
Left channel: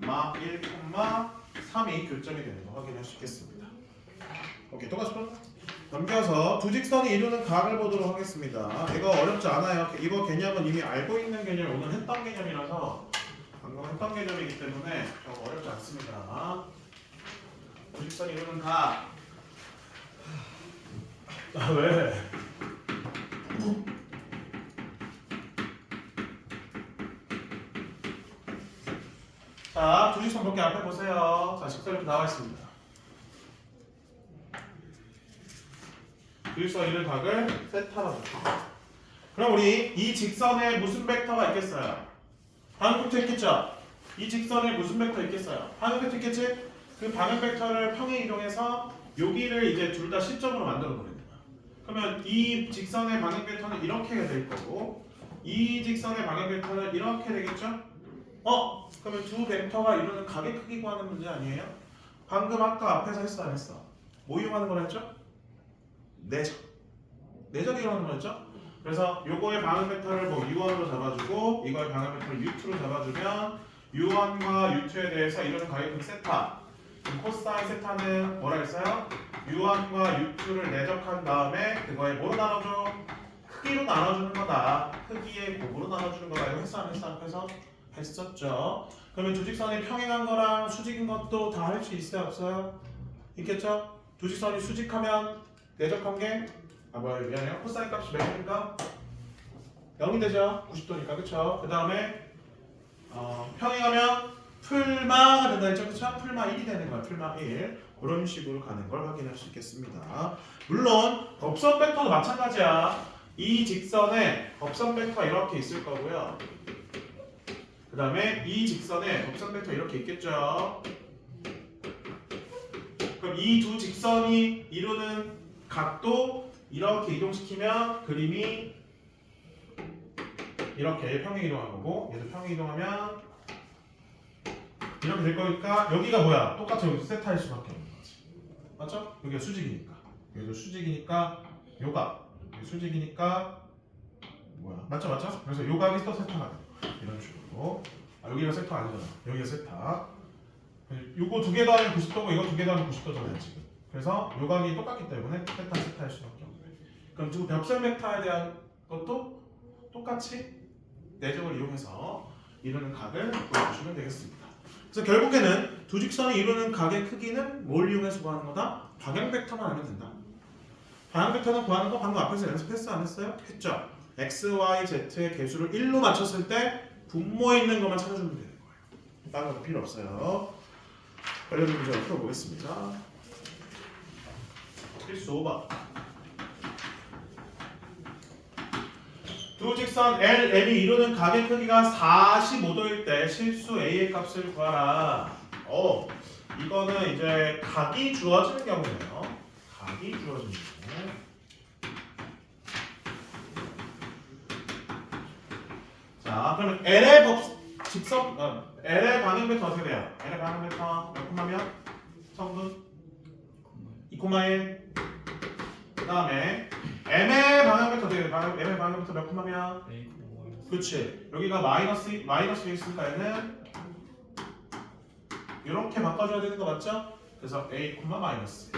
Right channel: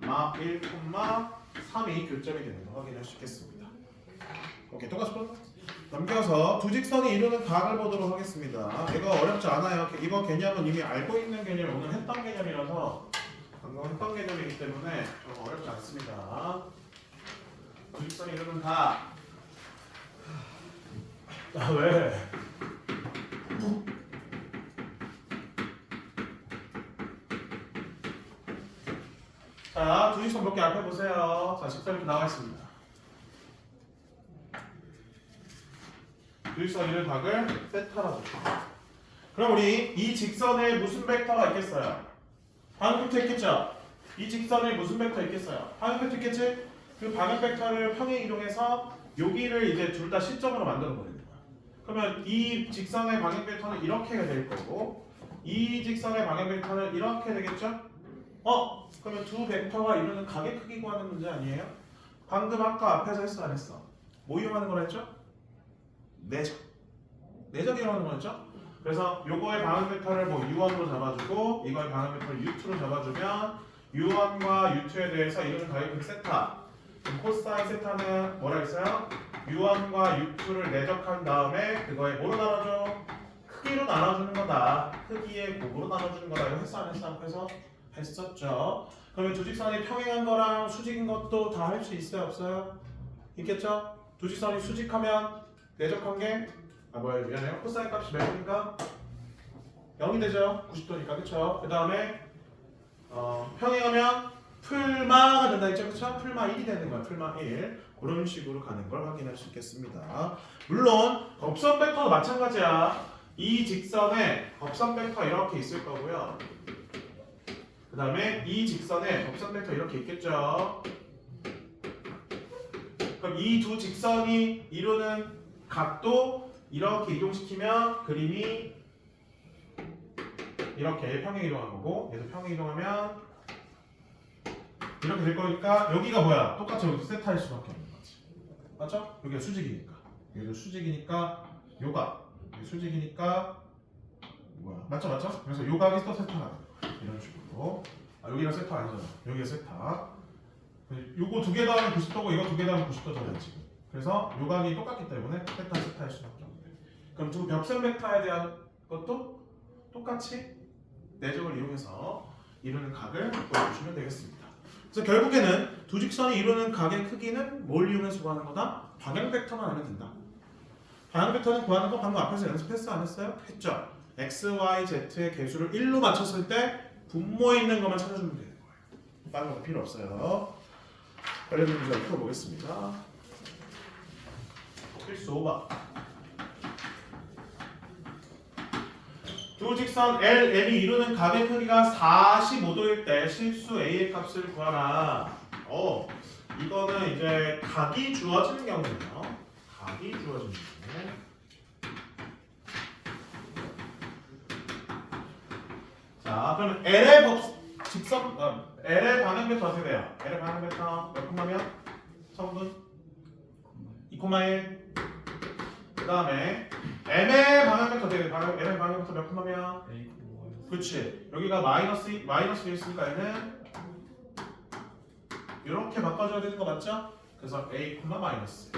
마 1, 3이 교점이 되는 거 확인할 수 있겠습니다. 오케이, 똑같이 풀어. 넘겨서 두 직선이 이루는 각을 보도록 하겠습니다. 이거 어렵지 않아요. 이거 개념은 이미 알고 있는 개념이 오늘 했던 개념이라서 방금 했던 개념이기 때문에 어렵지 않습니다. 두 직선이 이루는 각. 왜? 자, 두 직선 몇 개 앞에 보세요. 자, 직선이 이렇게 나와 있습니다. 두 직선 이루는 각을 세타라고 해요. 그럼 우리 이 직선에 무슨 벡터가 있겠어요? 방향 벡터 있겠죠? 이 직선에 무슨 벡터 있겠어요? 방향 벡터 있겠지? 그 방향 벡터를 평행 이동해서 여기를 이제 둘 다 시점으로 만들어 버리는 거야. 그러면 이 직선의 방향 벡터는 이렇게 될 거고 이 직선의 방향 벡터는 이렇게 되겠죠? 그러면 두 벡터가 이루는 각의 크기 구하는 문제 아니에요? 방금 아까 앞에서 했어 안 했어? 뭐 이용하는 거라 했죠? 내적. 내적 이용하는 거였죠? 그래서 요거의 방향 벡터를 뭐 u1으로 잡아주고 이거의 방향 벡터를 u2로 잡아주면 u1과 u2에 대해서 이루는 각의 크기 세타. 그럼 코사인 세타는 뭐라 했어요? u1과 u2를 내적한 다음에 그거에 뭐로 나눠줘? 크기로 나눠주는 거다. 크기의 곱으로 나눠주는 거다. 이거 했어 안 했어? 앞에서 했었죠. 그러면 두 직선이 평행한 거랑 수직인 것도 다 할 수 있어요 없어요? 있겠죠? 두 직선이 수직하면 내적한 게 미안해요. 코사인 값이 몇입니까? 0이 되죠. 90도니까 그쵸? 그 다음에 평행하면 풀마가 된다 했죠. 그쵸? 풀마 1이 되는 거야. 풀마 1. 그런 식으로 가는 걸 확인할 수 있겠습니다. 물론 접선 벡터도 마찬가지야. 이 직선에 접선 벡터 이렇게 있을 거고요. 그 다음에 이 직선에 접선 벡터 이렇게 있겠죠. 그럼 이 두 직선이 이루는 각도 이렇게 이동시키면 그림이 이렇게 평행 이동한 거고 얘도 평행 이동하면 이렇게 될 거니까 여기가 뭐야? 똑같이 여기도 세타일 수밖에 없는 거지. 맞죠? 여기가 수직이니까 여기도 수직이니까 요각 여기 수직이니까 뭐야? 맞죠? 그래서 요각이 또 세타가 돼. 이런 식으로 여기가 세타 아니잖아. 여기가 세타. 요거 두 개 다 하면 90도고 이거 두 개 다 하면 90도잖아요 지금. 그래서 요각이 똑같기 때문에 세타일 수밖에 없네. 그럼 두 벽선 벡터에 대한 것도 똑같이 내적을 이용해서 이루는 각을 보여주시면 되겠습니다. 그래서 결국에는 두 직선이 이루는 각의 크기는 뭘 이용해서 구하는 거다? 방향 벡터만 알면 된다. 방향 벡터는 구하는 거 방금 앞에서 연습했어 안 했어요? 했죠. x, y, z의 개수를 1로 맞췄을 때 분모에 있는 것만 찾아주면 되는 거예요. 다른 거 필요 없어요. 관련 문제 풀어보겠습니다. 필수 5번. 두 직선 L이 이루는 각의 크기가 45도일 때 실수 A의 값을 구하라. 이거는 이제 각이 주어지는 경우네요. 각이 주어지는 경우. 자, 그럼 L의 L의 방향 벡터 어떻게 돼요? L의 방향 벡터 몇 콤마면? 성분 2,1. 그 다음에 M의 방향 벡터 어떻게 돼요? M의 방향 벡터 몇 콤마면? 그렇지. 여기가 마이너스 있으니까 얘는 이렇게 바꿔줘야 되는 거 맞죠? 그래서 A, 마이너스.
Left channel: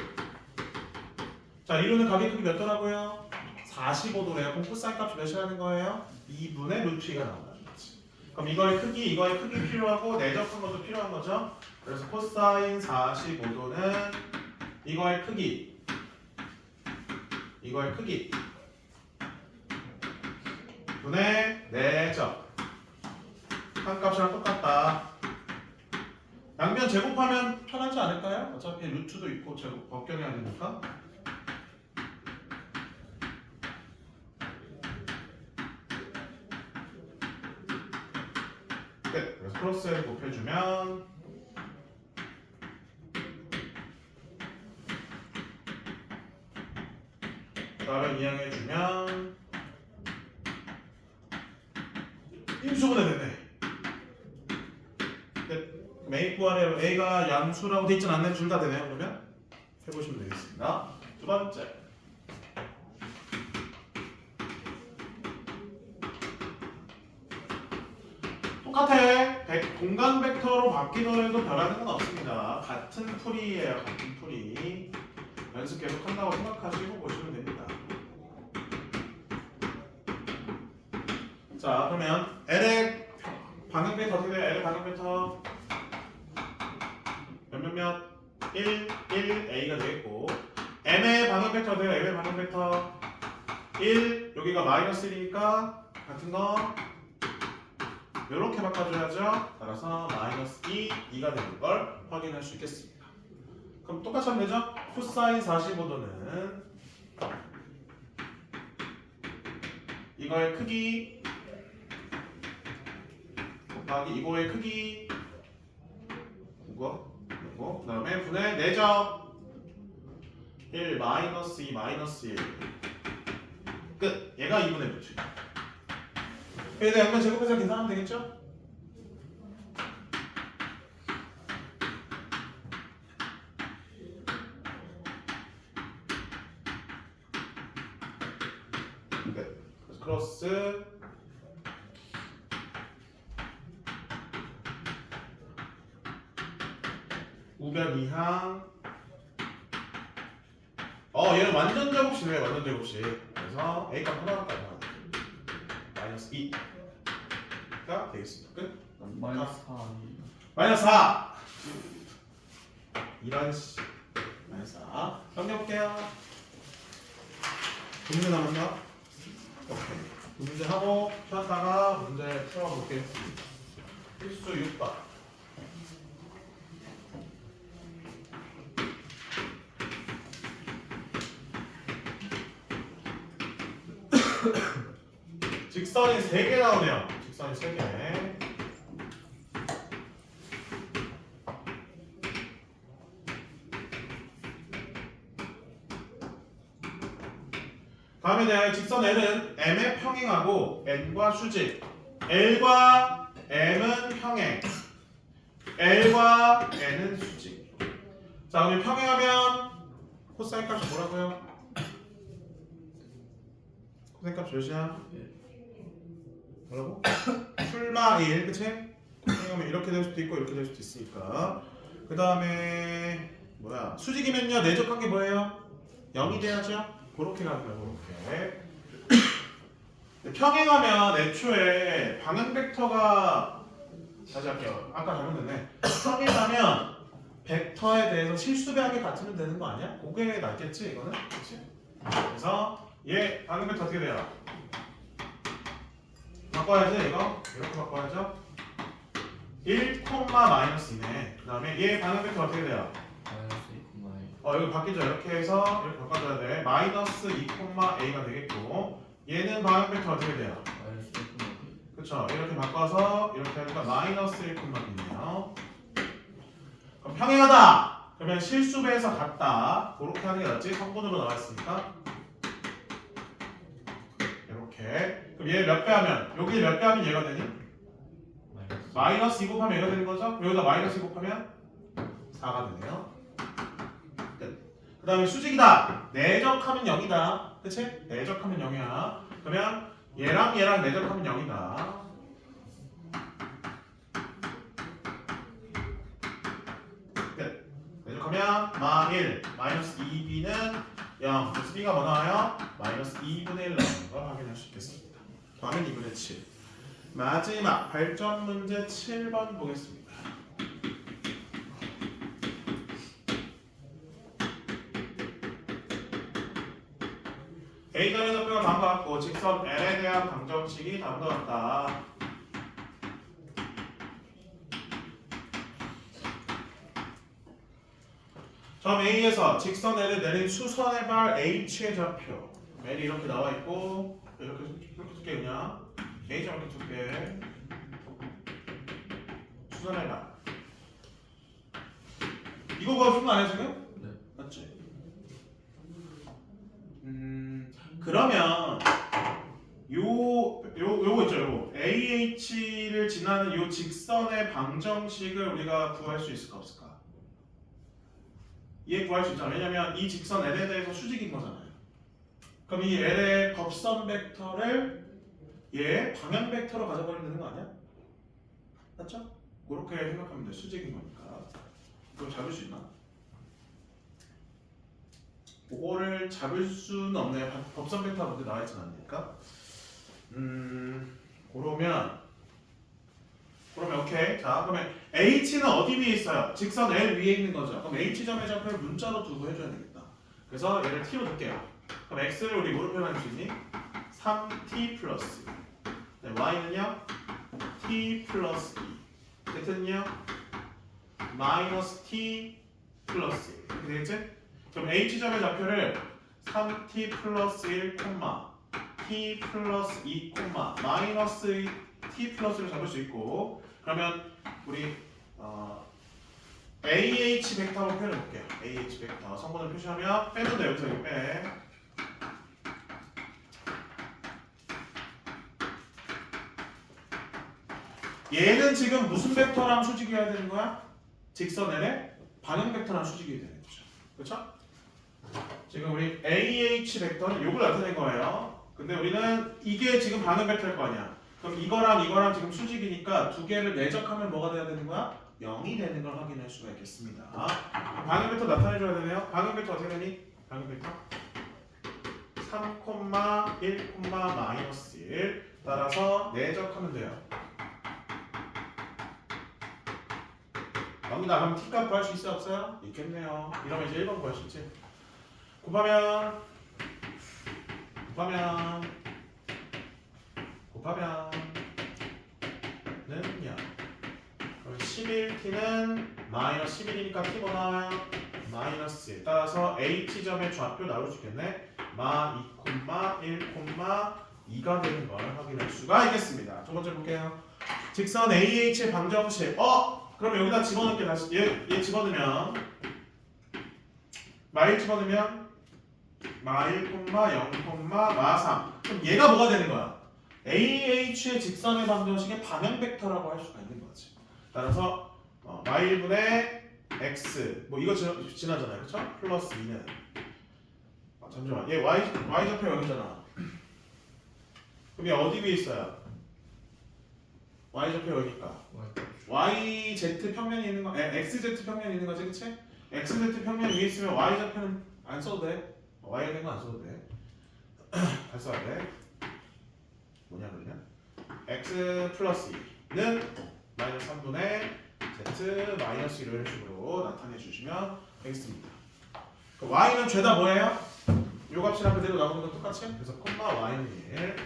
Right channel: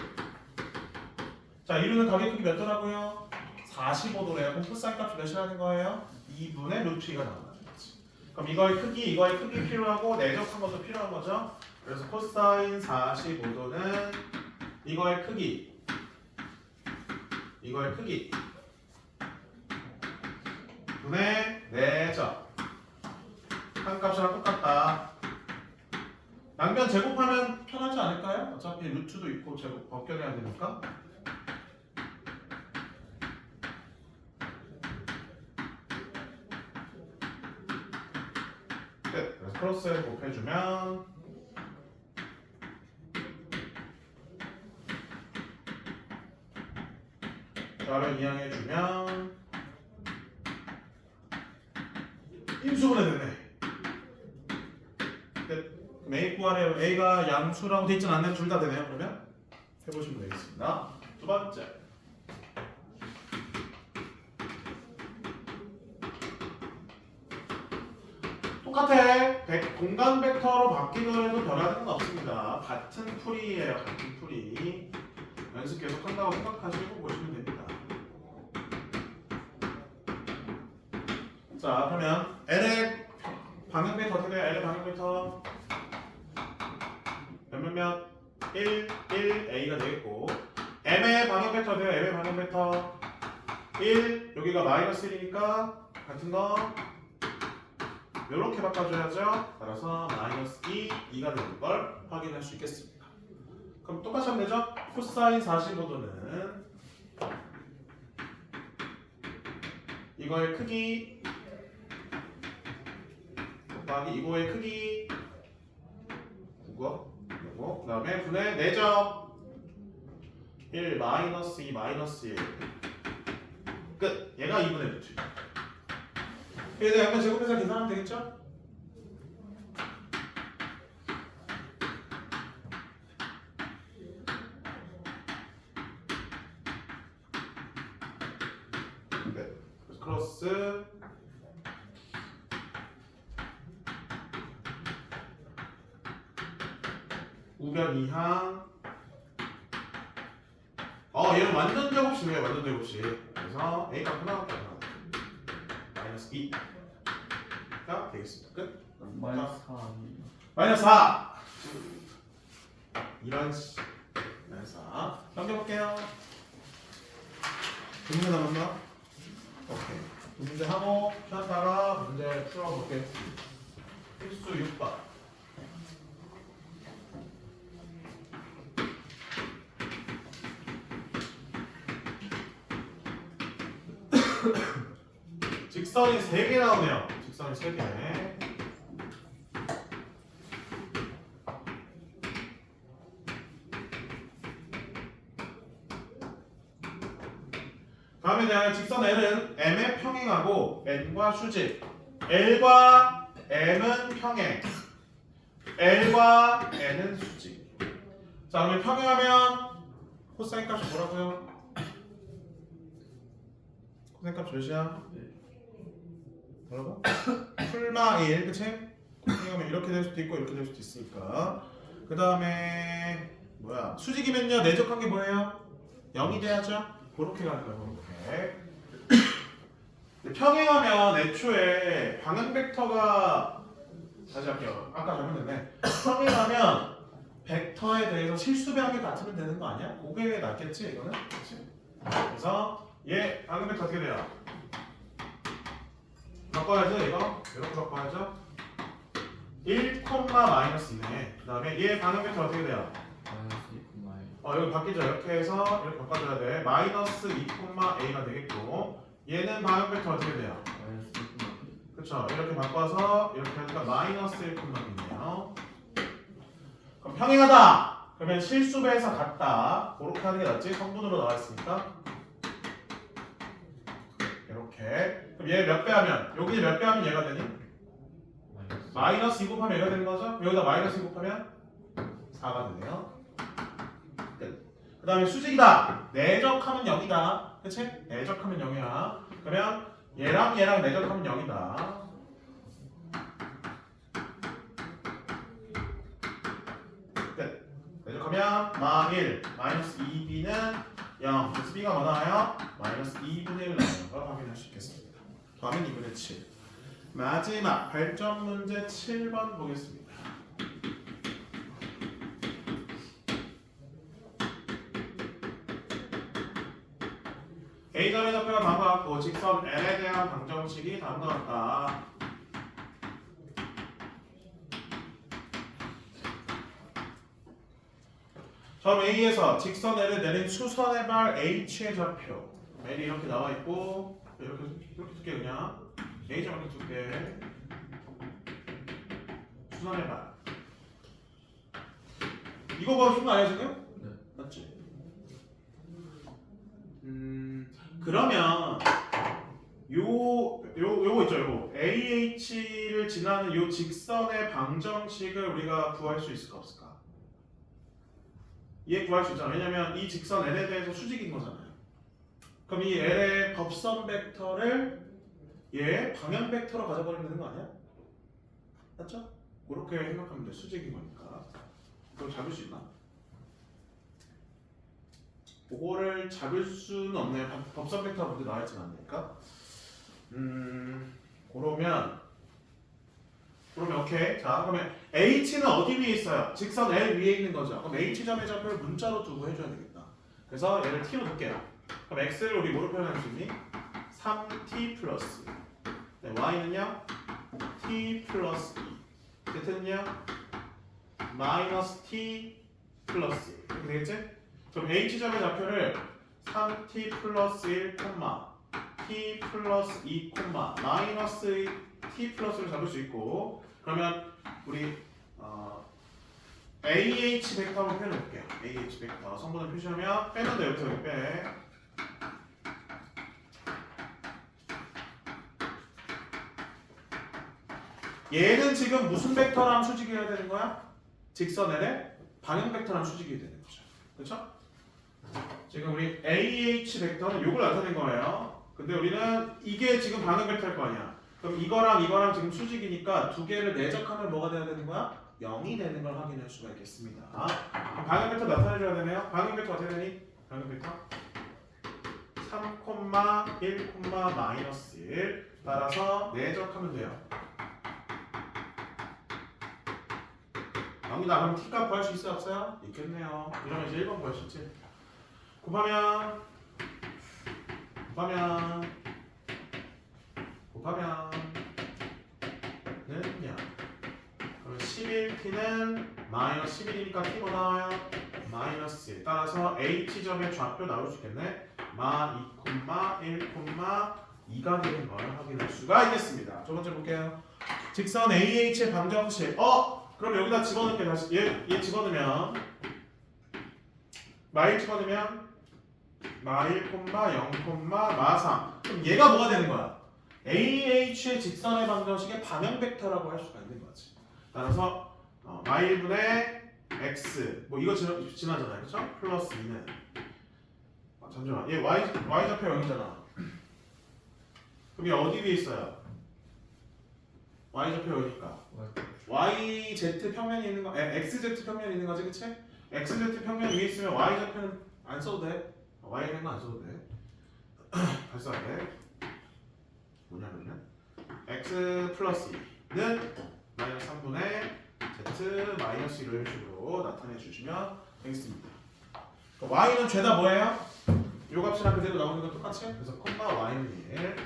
자, 이루는 가게 크기 몇 도라고요? 45도래요. 그럼 코사인 값이 몇이라는 거예요? 2분의 루트 2가 나온다는 거지. 그럼 이거의 크기 필요하고 내적한 것도 필요한 거죠. 그래서 코사인 45도는 이거의 크기 분의 내적 한 값이랑 똑같다. 양변 제곱하면 편하지 않을까요? 어차피 루트도 있고 제곱 벗겨내야 되니까. 끝. 그래서 크로스에 곱해주면 나를 이항해주면 임수분해 되네. 끝. A 구하래요. A가 양수라고 돼 있진 않네. 둘 다 되네요. 그러면 해보시면 되겠습니다. 두 번째. 똑같아. 공간 벡터로 바뀌더라도 변하는 건 없습니다. 같은 풀이에요. 같은 풀이. 연습 계속 한다고 생각하시고 보시면 됩니다. 자, 그러면 L의 방향 벡터 어떻게 돼요? L의 방향 벡터 몇몇몇 1, A가 되겠고 M의 방향 벡터 돼요. M의 방향 벡터 1, 여기가 마이너스 1이니까 같은 거 이렇게 바꿔줘야죠. 따라서 마이너스 2가 되는 걸 확인할 수 있겠습니다. 그럼 똑같이 하면 되죠? 코사인 45도는 이거의 크기 곱하기 이거의 크기 이거 그 다음에 분의 내적 1 마이너스 2 마이너스 1 끝. 얘가 2분의 루트. 여기다 양변 제곱해서 계산하면 되겠죠? 네. 그래서 크로스 우변 이항 얘는 완전 제곱식이에요. 완전 제곱식. 그래서 A 값 하나밖에 안 나와요. 마이너스 2가 되겠습니다. 끝. 마이너스 4. 마이너스 4 이런 씨 마이너스 4 넘겨볼게요. 두 문제 남았나? 오케이. 두 문제 하고 쉬었다가 문제 풀어볼게요. 필수 6번. 직선이 3개 나오네요. 직선이 3개. 다음에 대하여 직선 L은 M의 평행하고 N과 수직. L과 M은 평행. L과 N은 수직. 자, 그러면 평행하면 코사인 값이 뭐라고요? 코사인 값 몇이야? 뭐라고? 풀마 1, 그치? 평행하면 이렇게 될 수도 있고 이렇게 될 수도 있으니까. 그 다음에 뭐야? 수직이면요 내적한 게 뭐예요? 0이 돼야죠? 그렇게 가는 거예요. 그렇게. 평행하면 애초에 방향 벡터가 다시 할게요. 아까 잘못했네. 평행하면 벡터에 대해서 실수 배합이 같으면 되는 거 아니야? 그게 낫겠지 이거는? 그렇지? 그래서 얘 방향 벡터 어떻게 돼요? 바꿔야지 이거 이렇게 바꿔야죠. 1, 마이너스 2네. 그 다음에 얘 방향 벡터 어떻게 돼요? 이거 바뀌죠. 이렇게 해서 이렇게 바꿔줘야 돼. 마이너스 2, A가 되겠고 얘는 방향 벡터 어떻게 돼요? 그쵸. 이렇게 바꿔서 이렇게 하니까 마이너스 1, B네요. 그럼 평행하다! 그러면 실수배에서 같다. 그렇게 하는 게 낫지. 성분으로 나왔으니까 이렇게. 그럼 얘 몇 배 하면? 여기 몇 배 하면 얘가 되니? 마이너스 2 곱하면 얘가 되는 거죠? 여기다 마이너스 2 곱하면 4가 되네요. 그 다음에 수직이다. 내적하면 0이다. 그치? 내적하면 0이야. 그러면 얘랑 내적하면 0이다. 끝. 내적하면 대입하면 마1 마이너스 2b는 0. 그래서 b가 뭐 나와요? 마이너스 2분의 1 나오는 거 확인할 수 있겠습니다. 다음은 2분의 7. 마지막 발전 문제 7번 보겠습니다. A점의 좌표가 다음과 같고 직선 L에 대한 방정식이 다음과 같다. 점 A에서 직선 L에 내린 수선의 발 H의 좌표 L이 이렇게 나와 있고 이렇게 줄게 그냥 A점 이렇게 줄게 수선의 발 이거 봐 준 거 아니야 지금? 네. 맞지? 그러면 요거 있죠 요거 AH를 지나는 요 직선의 방정식을 우리가 구할 수 있을까 없을까? 얘 구할 수 있잖아. 왜냐면 이 직선 L에 대해서 수직인 거잖아요. 그럼 이 L의 법선 벡터를 얘 방향 벡터로 가져버리면 되는 거 아니야? 맞죠? 그렇게 생각하면 돼. 수직인 거니까. 그걸 잡을 수 있나? 그거를 잡을 수는 없네. 법선 벡터가 먼저 나와 있진 않으니까. 그러면 오케이. 자, 그러면 H는 어디 위에 있어요? 직선 L 위에 있는 거죠. 그럼 H점의 좌표를 문자로 두고 해줘야 되겠다. 그래서 얘를 T로 둘게요. 그럼 X를 우리 뭐로 표현할 수 있니? 3T 플러스 네, Y는요? T 플러스 2 Z는요? 마이너스 T 플러스 1 이렇게 되겠지? 그럼 H점의 좌표를 3T 플러스 1, T 플러스 2, 마이너스 T 플러스로 잡을 수 있고 그러면 우리 AH 벡터 한번 표현해 볼게요. AH 벡터 성분을 표시하면 빼는데 여기서 여기 빼. 얘는 지금 무슨 벡터랑 수직이어야 되는 거야? 직선 L의 방향 벡터랑 수직이어야 되는 거죠. 그렇죠? 지금 우리 AH 벡터는 요걸 나타낸 거예요. 근데 우리는 이게 지금 방향 벡터일 거 아니야. 그럼 이거랑 지금 수직이니까 두 개를 내적하면 뭐가 돼야 되는 거야? 0이 되는 걸 확인할 수가 있겠습니다. 방향 벡터 나타내줘야 되네요. 방향 벡터 어떻게 되니? 방향 벡터 3, 1, 마이너스 1 따라서 내적하면 돼요. 0이다. 그럼 t값 구할 수 있어요? 없어요? 있겠네요. 이러면 이제 1번 구할 수 있지. 곱하면 는요. 그럼 11t는 마이너스 11이니까 t가 나와요. 마이너스 1 따라서 h점의 좌표 나올 수 있겠네. 마 2, 1, 2가 되는 걸 확인할 수가 있겠습니다. 두 번째 볼게요. 직선 AH의 방정식. 그럼 여기다 집어넣을게. 다시 얘 집어넣으면 마1 집어넣으면 마1, 0, 마3. 그럼 얘가 뭐가 되는 거야? AH의 직선의 방정식의 방향 벡터라고 할 수가 있는 거지. 따라서 마1분의 x 뭐 이거 지나잖아요. 그렇죠? 플러스 2는 잠시만. 얘 y 좌표 0이잖아. 그럼 얘 어디 위에 있어요? y 좌표 0이니까 YZ 평면이 있는 거, XZ 평면이 있는 거지, 그치? XZ 평면 위에 있으면 Y 좌표는 안 써도 돼. Y는 안 써도 돼. 잘 써야 돼. 뭐냐면요. X 플러스 2는 마이너스 3분의 Z 마이너스 1을 식으로 나타내 주시면 되겠습니다. Y는 죄다 뭐예요? 요 값이랑 그대로 나오는 건 똑같이? 그래서 Y는 1.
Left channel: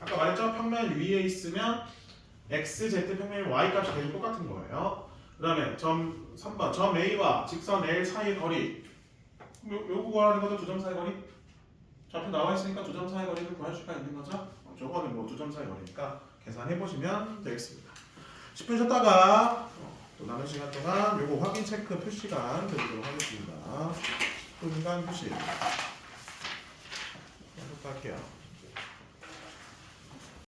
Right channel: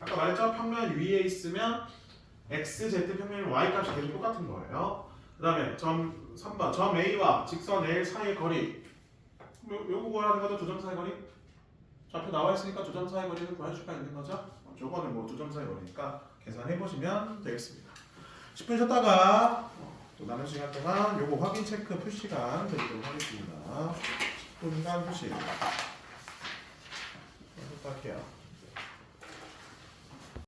아까 말했죠? 평면 위에 있으면 XZ 평면이 Y 값이 계속 똑같은 거예요. 그 다음에 점 3번 점 A와 직선 L 사이의 거리 요거 구하는 것도 두 점 사이 거리 좌표 나와 있으니까 두 점 사이 거리를 구할 수가 있는 거죠. 저거는 뭐 두 점 사이 거리니까 계산해 보시면 되겠습니다. 10분 쉬었다가 또 남은 시간 동안 요거 확인 체크 표시간 드리도록 하겠습니다. 10분간 표시. 할게요.